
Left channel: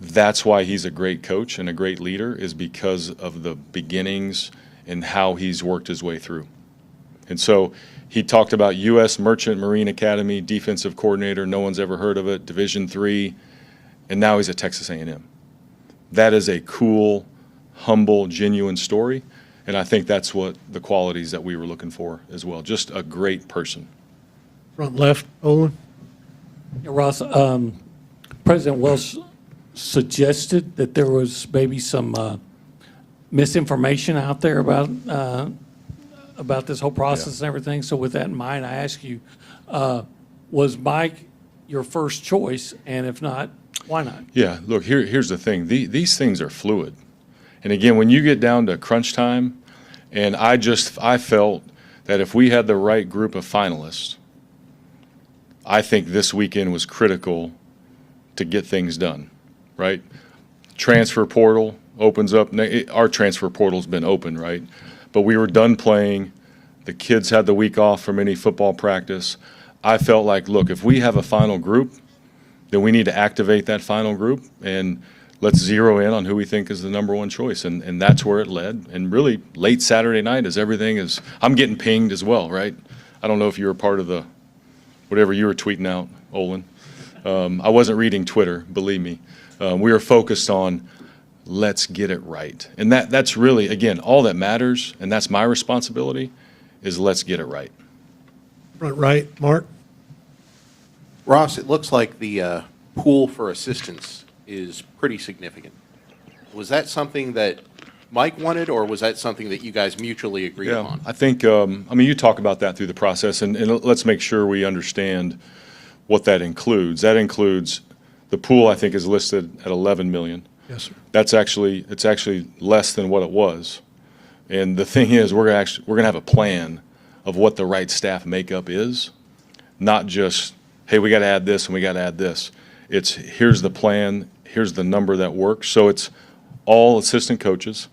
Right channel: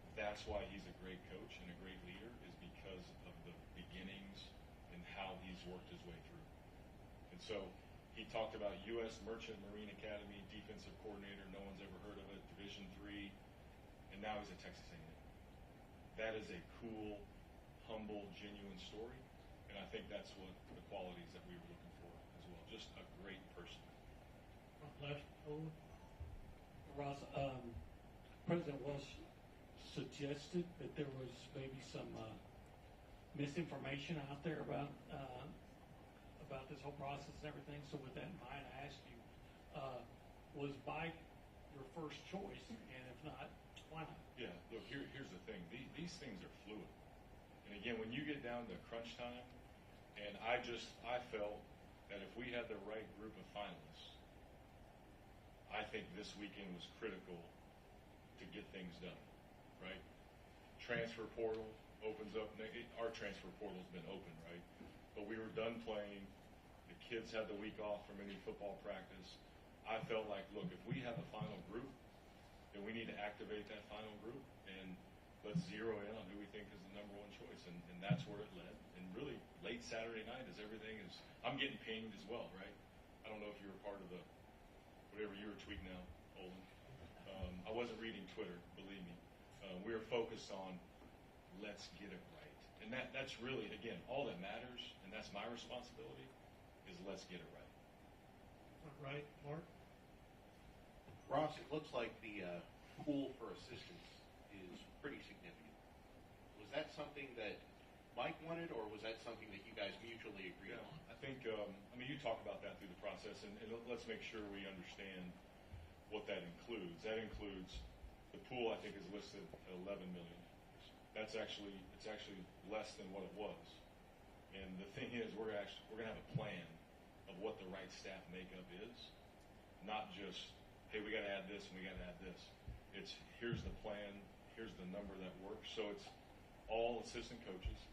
that's why he's a great coach and a great leader, is because of the beginnings and how he's worked his way through. And so he talked about U.S. Merchant Marine Academy, defensive coordinator, no one's ever heard of it, Division III, and now he's at Texas A&M. That is a cool, humble, genuine story, and I think that's what the qualities that we were looking for as well. Just a great person. Front left, Olin. Yeah, Ross, President Welsh suggested that there was maybe some misinformation out there about this whole process and everything. So with that in mind, I ask you, was Mike your first choice? And if not, why not? Yeah, look, here's the thing. These things are fluid. And again, when you get down to crunch time, and I felt that if we had the right group of finalists, I think this weekend was critical to get things done, right? Transfer portal opens up. Our transfer portal's been open, right? But we were done playing. The kids had the week off from any football practice. I felt like, look, if we have a final group, then we need to activate that final group and let's zero in on who we think is the number one choice. And that's where it led. And really, late Saturday night, as everything is, I'm getting pinged as well, right? I don't know if you were part of the, whatever you were tweeting out, Olin. I wasn't reading Twitter, believe me. We were focused on let's get it right. And that's really, again, all that matters, and that's my responsibility, is let's get it right. Front right, Mark. Ross, it looks like the pool for assistants is pretty significant. Was that something that Mike wanted, or was that something that you guys mutually agreed upon? I think, you talk about that through the process, and let's make sure we understand what that includes. That includes, the pool, I think, is listed at 11 million. Yes, sir. It's actually less than what it was. And the thing is, we're gonna have a plan of what the right staff makeup is, not just, hey, we got to add this and we got to add this. It's here's the plan, here's the number that works. So it's all assistant coaches,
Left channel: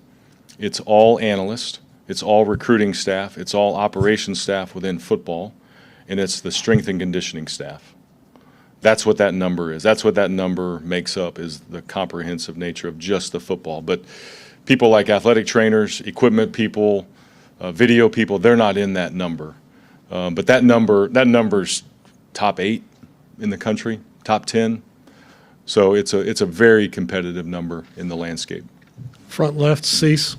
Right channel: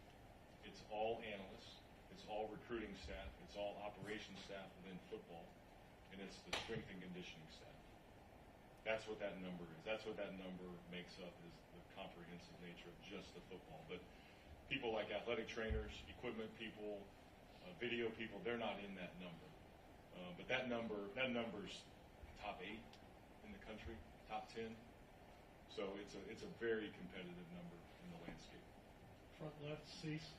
it's all analysts, it's all recruiting staff, it's all operations staff within football, and it's the strength and conditioning staff. That's what that number is. That's what that number makes up, is the comprehensive nature of just the football. But people like athletic trainers, equipment people, video people, they're not in that number. But that number's top 8 in the country, top 10. So it's a very competitive number in the landscape. Front left, Cease.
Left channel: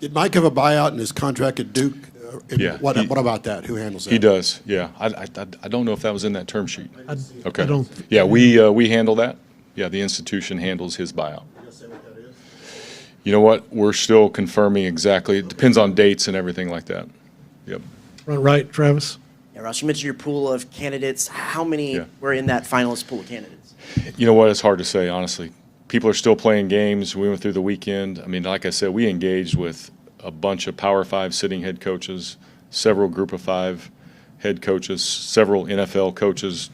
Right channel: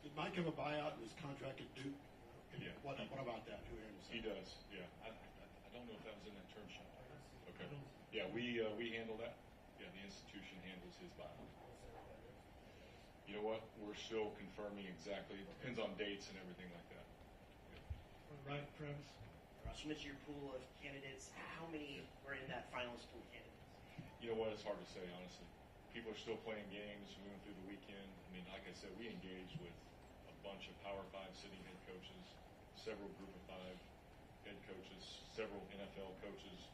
Did Mike have a buyout in his contract at Duke? Yeah. What about that? Who handles that? He does, yeah. I don't know if that was in that term sheet. Okay. I don't. Yeah, we handle that. Yeah, the institution handles his buyout. You know what? We're still confirming exactly. It depends on dates and everything like that. Yep. Front right, Travis. Yeah, Ross, you mentioned your pool of candidates. How many were in that finalist pool of candidates? You know what? It's hard to say, honestly. People are still playing games. We went through the weekend. I mean, like I said, we engaged with a bunch of Power 5 sitting head coaches, several Group of 5 head coaches, several NFL coaches,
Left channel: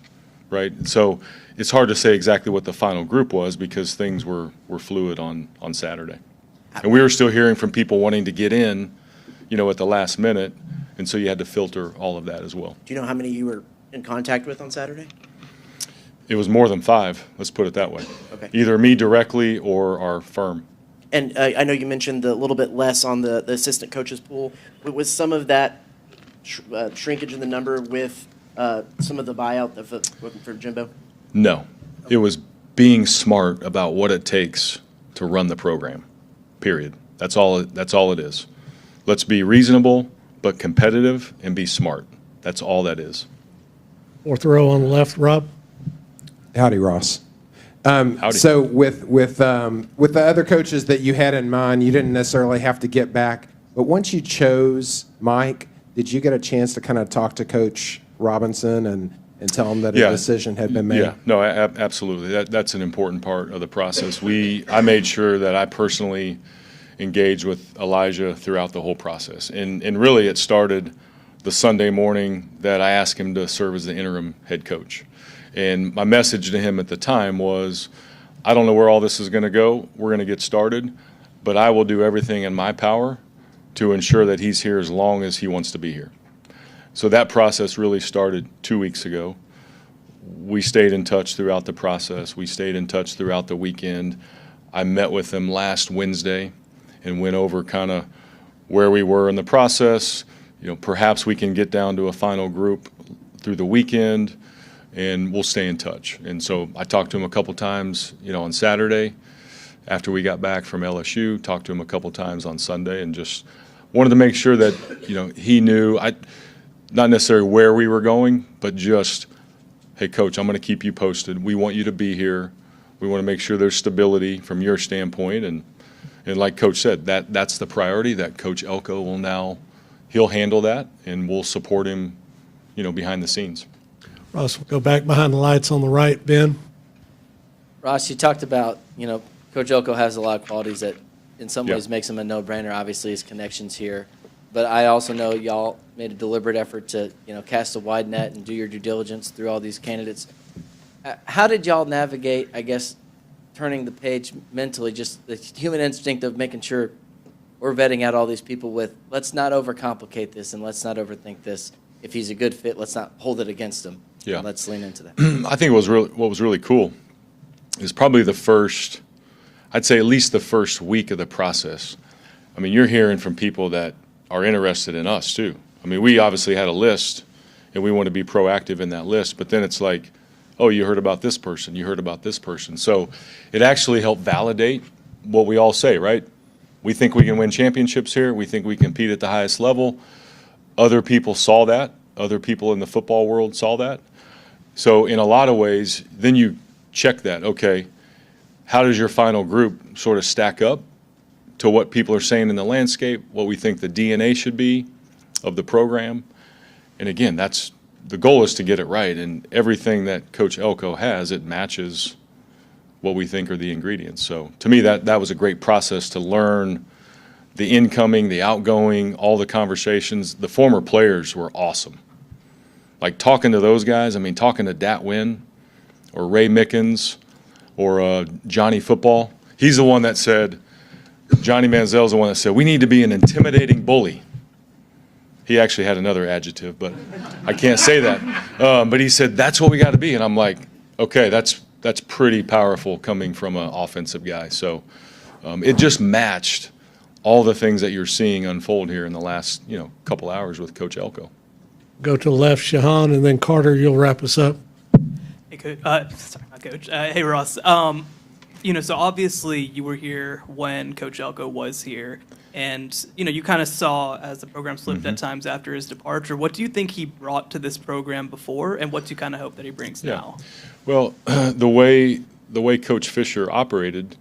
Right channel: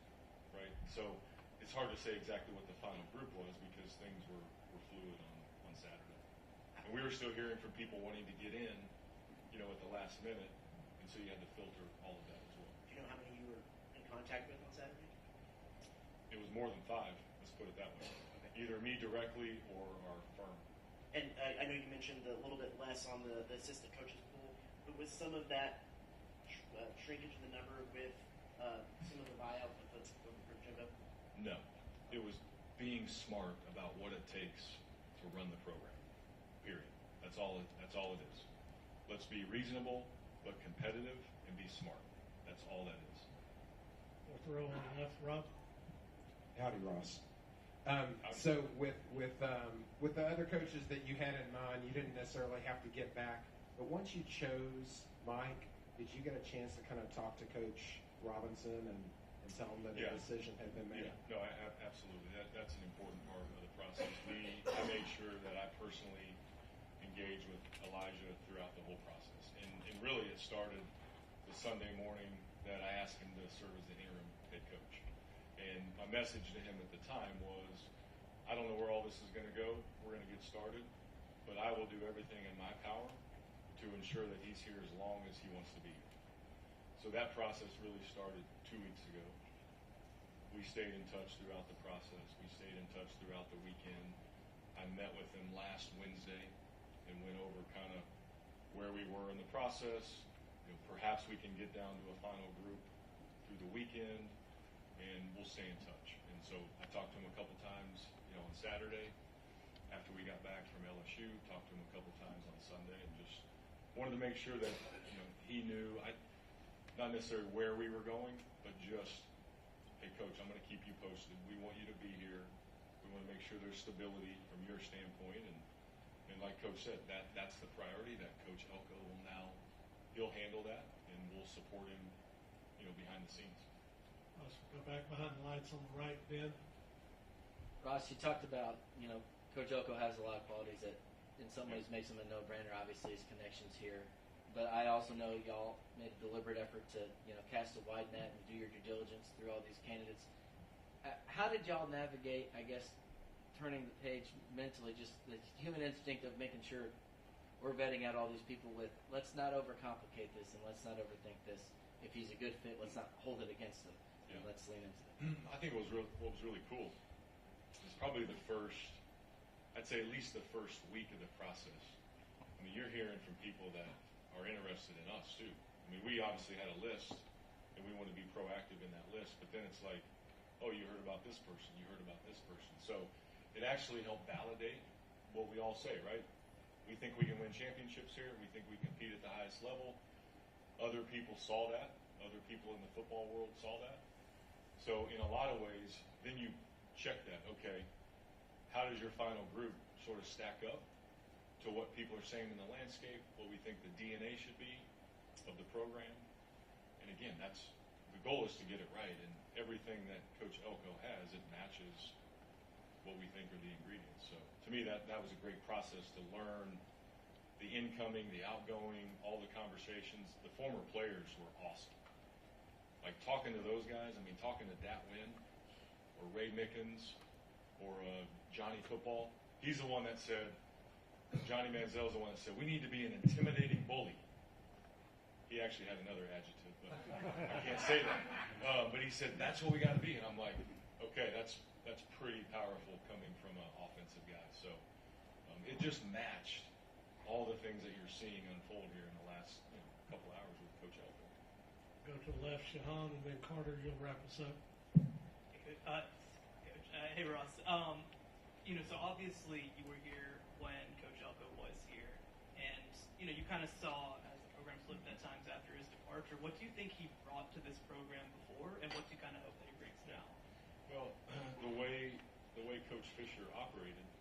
right? So it's hard to say exactly what the final group was because things were fluid on Saturday. And we were still hearing from people wanting to get in, at the last minute, and so you had to filter all of that as well. Do you know how many you were in contact with on Saturday? It was more than 5, let's put it that way. Okay. Either me directly or our firm. And I know you mentioned a little bit less on the assistant coaches pool. Was some of that shrinkage in the number with some of the buyout for Jimbo? No. It was being smart about what it takes to run the program, period. That's all it is. Let's be reasonable but competitive and be smart. That's all that is. Fourth row on the left, Rob. Howdy, Ross. Howdy. So with the other coaches that you had in mind, you didn't necessarily have to get back. But once you chose Mike, did you get a chance to kind of talk to Coach Robinson and tell him that a decision had been made? Yeah, no, absolutely. That's an important part of the process. I made sure that I personally engaged with Elijah throughout the whole process. And really it started the Sunday morning that I asked him to serve as the interim head coach. And my message to him at the time was, I don't know where all this is going to go. We're going to get started, but I will do everything in my power to ensure that he's here as long as he wants to be here. So that process really started 2 weeks ago. We stayed in touch throughout the process. We stayed in touch throughout the weekend. I met with him last Wednesday and went over kind of where we were in the process. You know, perhaps we can get down to a final group through the weekend, and we'll stay in touch. And so I talked to him a couple times, on Saturday after we got back from LSU, talked to him a couple times on Sunday, and just wanted to make sure that, he knew, not necessarily where we were going, but just, hey, Coach, I'm going to keep you posted. We want you to be here. We want to make sure there's stability from your standpoint. And like Coach said, that's the priority, that Coach Elko will now, he'll handle that, and we'll support him, behind the scenes. Ross, we'll go back behind the lights on the right. Ben? Ross, you talked about, Coach Elko has a lot of qualities that in some ways makes him a no-brainer, obviously his connections here. But I also know y'all made a deliberate effort to, cast a wide net and do your due diligence through all these candidates. How did y'all navigate, I guess, turning the page mentally, just the human instinct of making sure we're vetting out all these people with, let's not overcomplicate this and let's not overthink this. If he's a good fit, let's not hold it against him. Yeah. Let's lean into that. I think what was really cool is probably I'd say at least the first week of the process. I mean, you're hearing from people that are interested in us too. I mean, we obviously had a list and we want to be proactive in that list, but then it's like, oh, you heard about this person, you heard about this person. So it actually helped validate what we all say, right? We think we can win championships here. We think we compete at the highest level. Other people saw that. Other people in the football world saw that. So in a lot of ways, then you check that. Okay, how does your final group sort of stack up to what people are saying in the landscape, what we think the DNA should be of the program? And again, the goal is to get it right. And everything that Coach Elko has, it matches what we think are the ingredients. So to me, that was a great process to learn the incoming, the outgoing, all the conversations. The former players were awesome. Like talking to those guys, I mean, talking to Dat Wynn or Ray Mickens or Johnny Football. He's the one that said, Johnny Manziel's the one that said, we need to be an intimidating bully. He actually had another adjective, but I can't say that. But he said, that's what we got to be. And I'm like, okay, that's pretty powerful coming from an offensive guy. So it just matched all the things that you're seeing unfold here in the last, couple hours with Coach Elko. Go to the left, Shahan, and then Carter, you'll wrap us up. Hey, Coach. Sorry, not Coach. Hey, Ross. So obviously you were here when Coach Elko was here, and you kind of saw as the program slipped at times after his departure. What do you think he brought to this program before, and what do you kind of hope that he brings now? Well, the way Coach Fisher operated,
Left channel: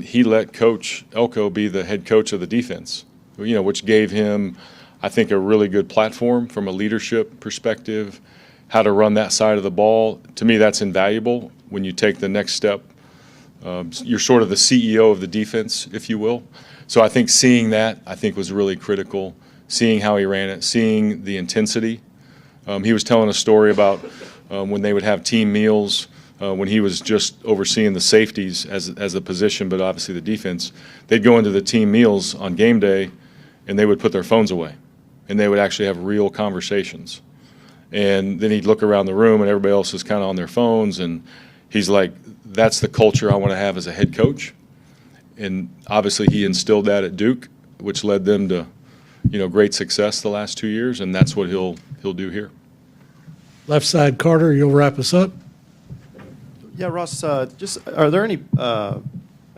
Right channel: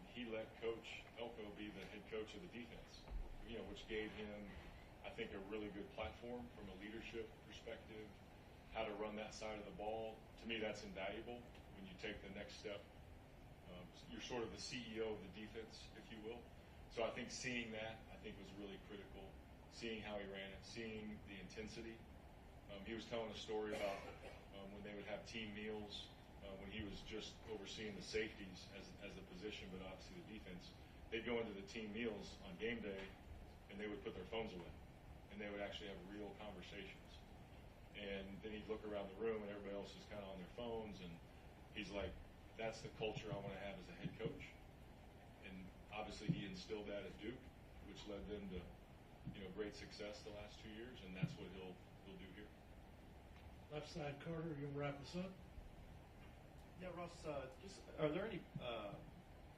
he let Coach Elko be the head coach of the defense, which gave him, I think, a really good platform from a leadership perspective, how to run that side of the ball. To me, that's invaluable when you take the next step. You're sort of the CEO of the defense, if you will. So I think seeing that, was really critical, seeing how he ran it, seeing the intensity. He was telling a story about when they would have team meals, when he was just overseeing the safeties as a position, but obviously the defense. They'd go into the team meals on game day, and they would put their phones away, and they would actually have real conversations. And then he'd look around the room, and everybody else is kind of on their phones, and he's like, that's the culture I want to have as a head coach. And obviously he instilled that at Duke, which led them to, great success the last 2 years, and that's what he'll do here. Left side, Carter, you'll wrap us up. Yeah, Ross, just are there any, I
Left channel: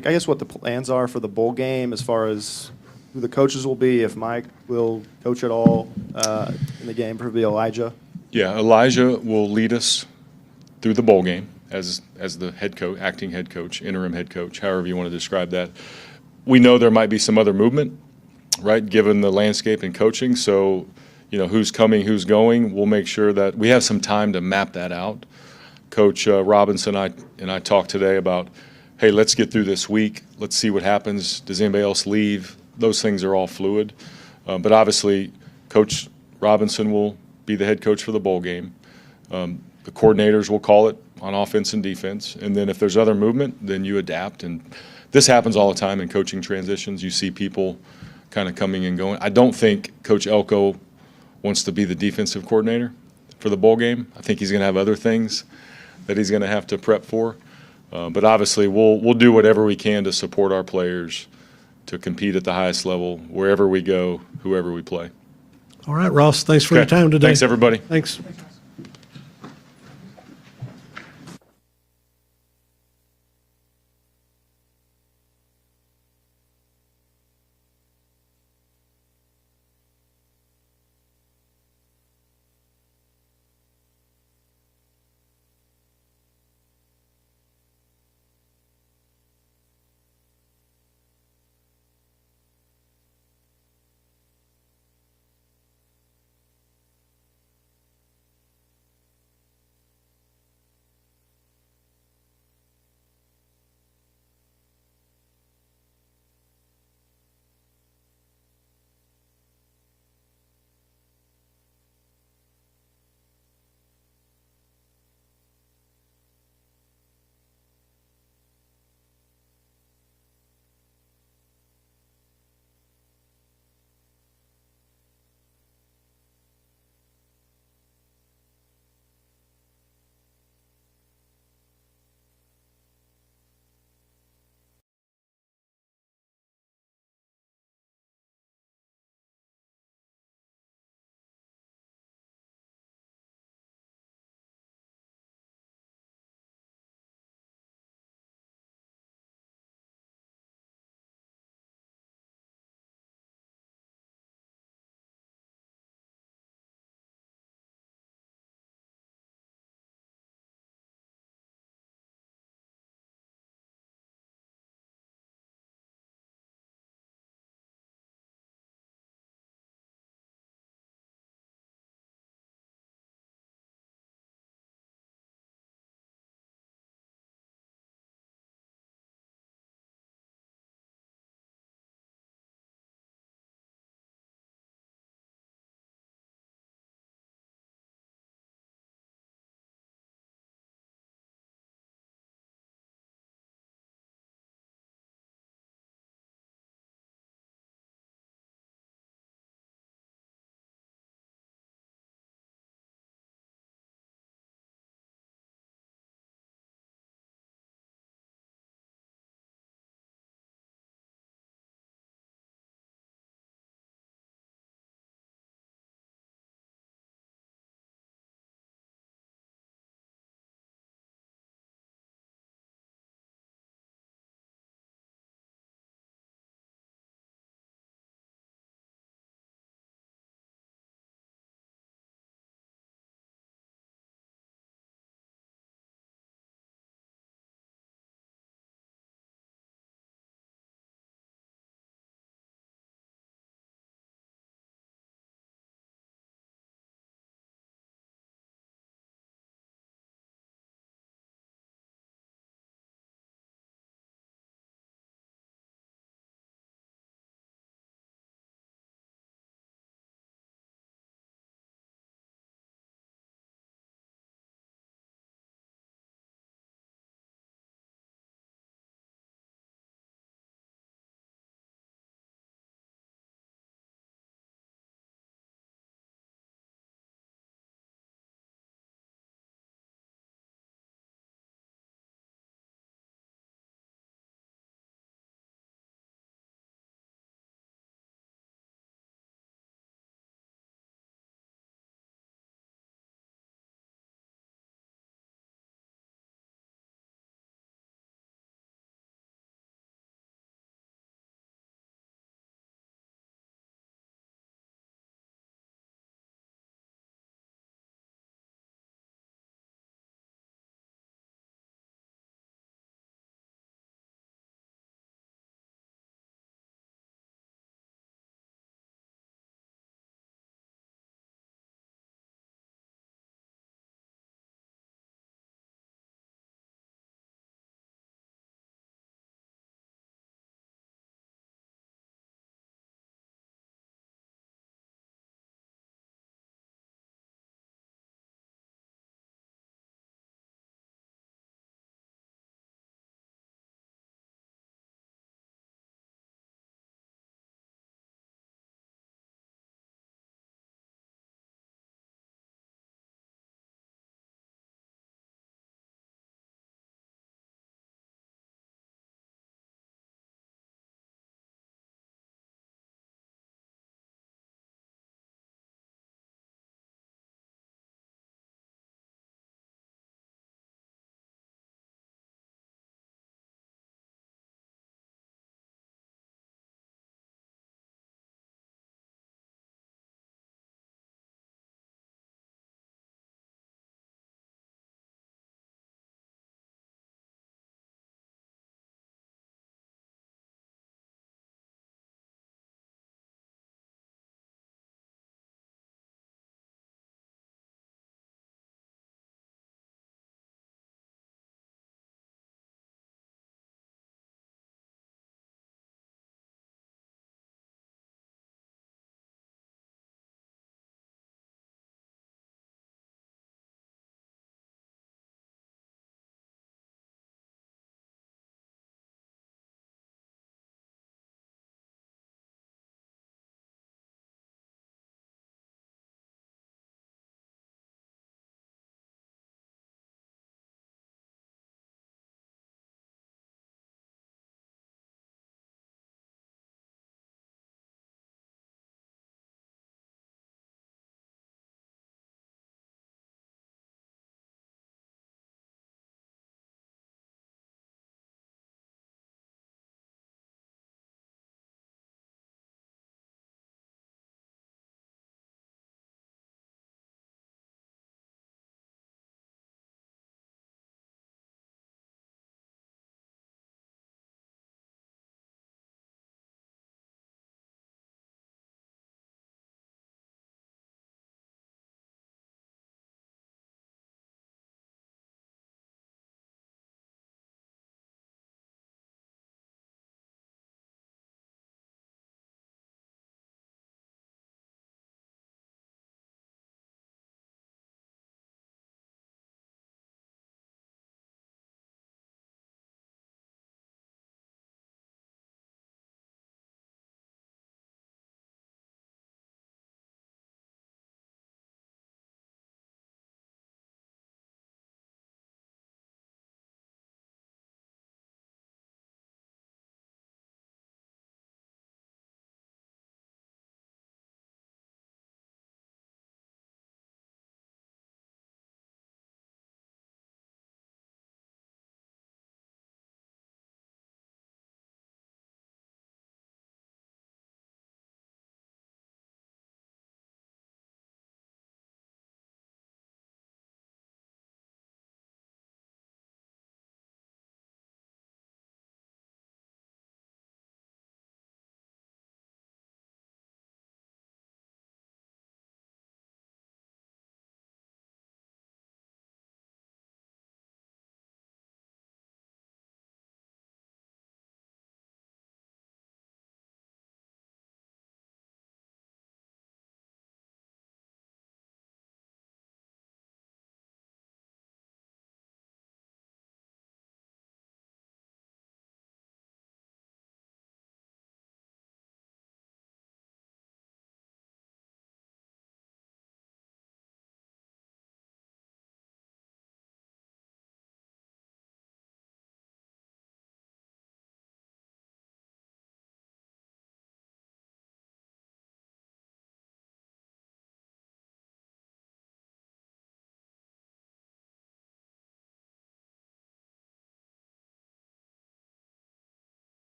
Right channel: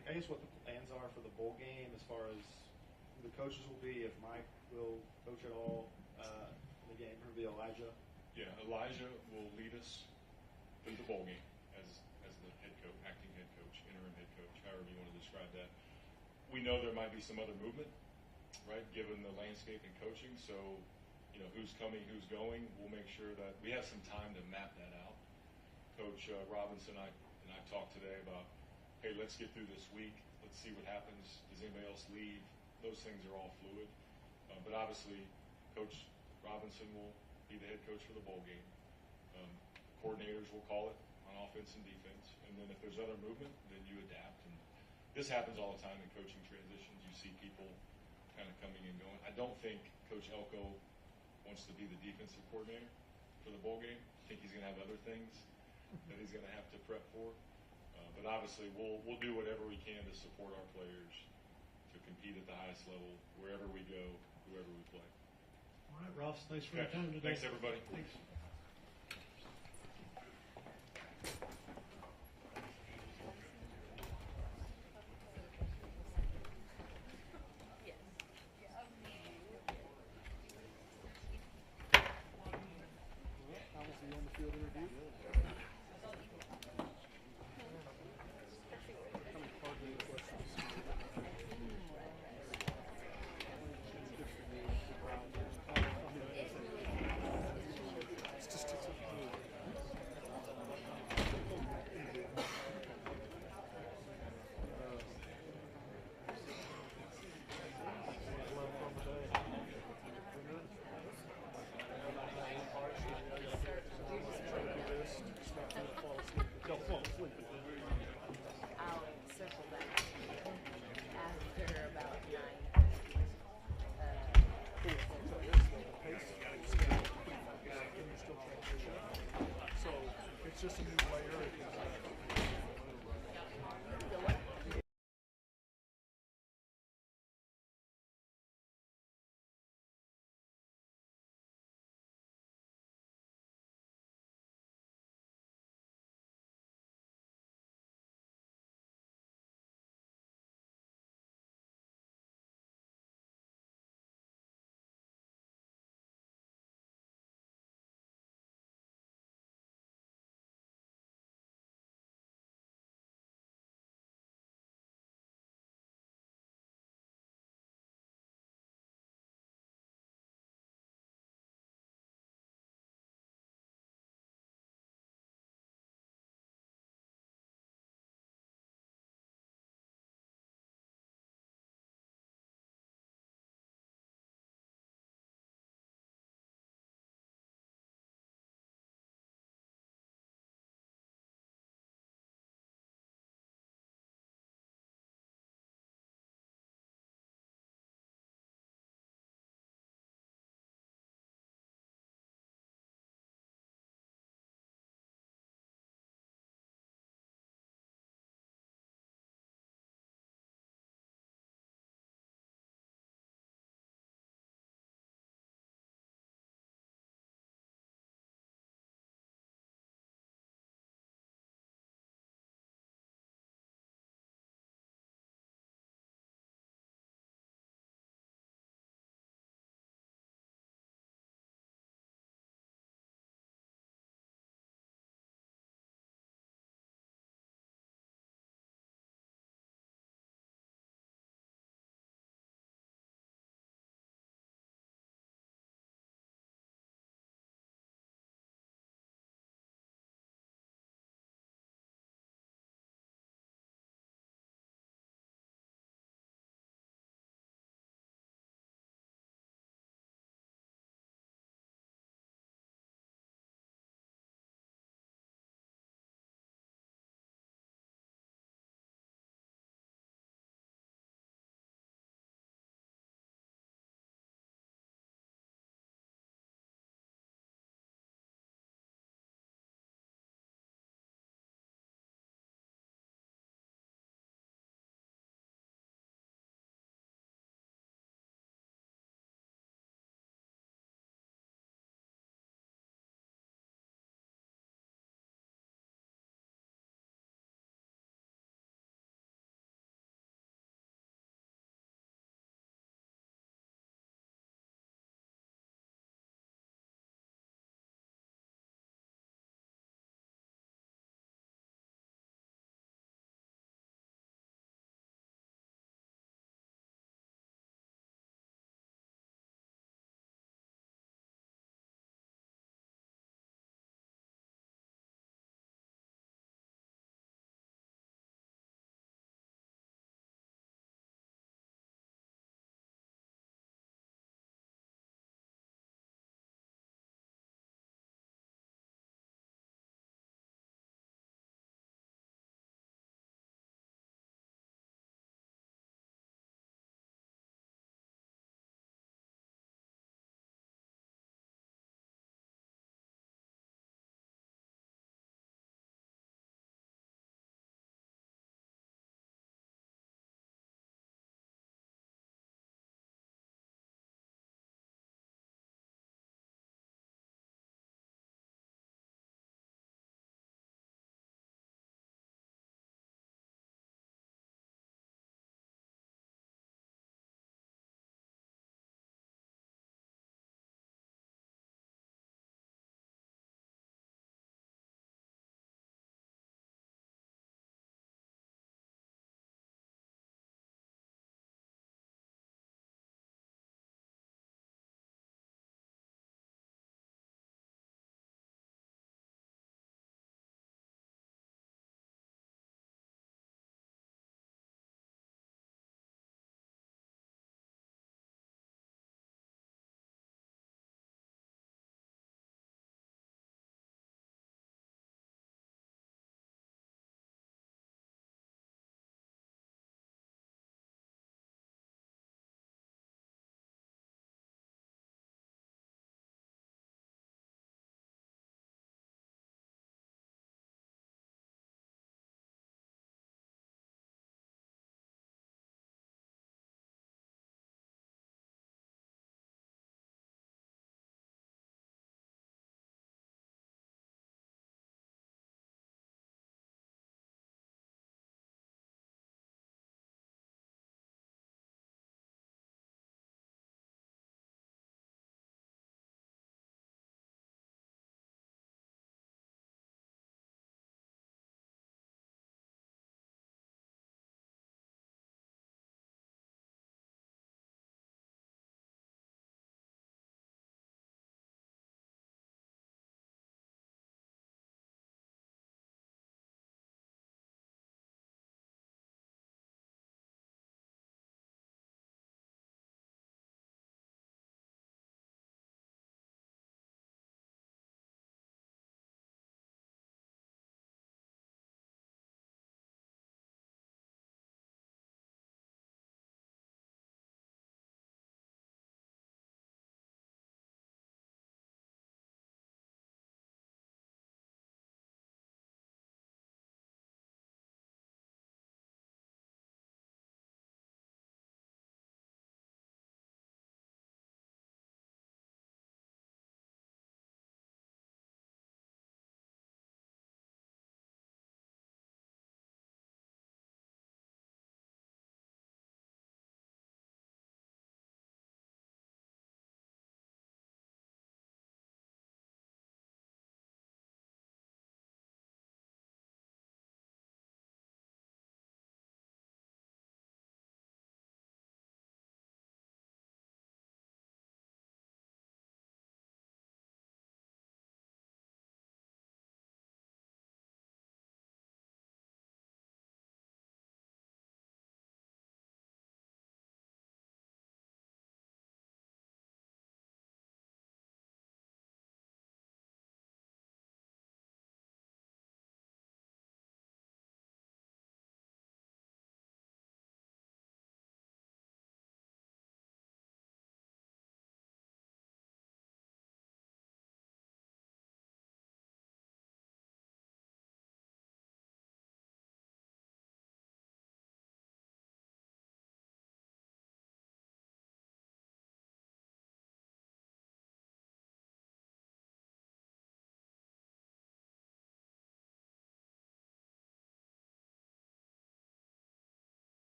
guess what the plans are for the bowl game as far as who the coaches will be, if Mike will coach at all in the game, probably Elijah? Yeah, Elijah will lead us through the bowl game, as the head coach, acting head coach, interim head coach, however you want to describe that. We know there might be some other movement, right, given the landscape in coaching. So, who's coming, who's going, we'll make sure that we have some time to map that out. Coach Robinson and I talked today about, hey, let's get through this week. Let's see what happens. Does anybody else leave? Those things are all fluid. But obviously, Coach Robinson will be the head coach for the bowl game. The coordinators will call it on offense and defense. And then if there's other movement, then you adapt. And this happens all the time in coaching transitions. You see people kind of coming and going. I don't think Coach Elko wants to be the defensive coordinator for the bowl game. I think he's going to have other things that he's going to have to prep for. But obviously, we'll do whatever we can to support our players to compete at the highest level wherever we go, whoever we play. All right, Ross, thanks for your time today. Thanks, everybody. Thanks.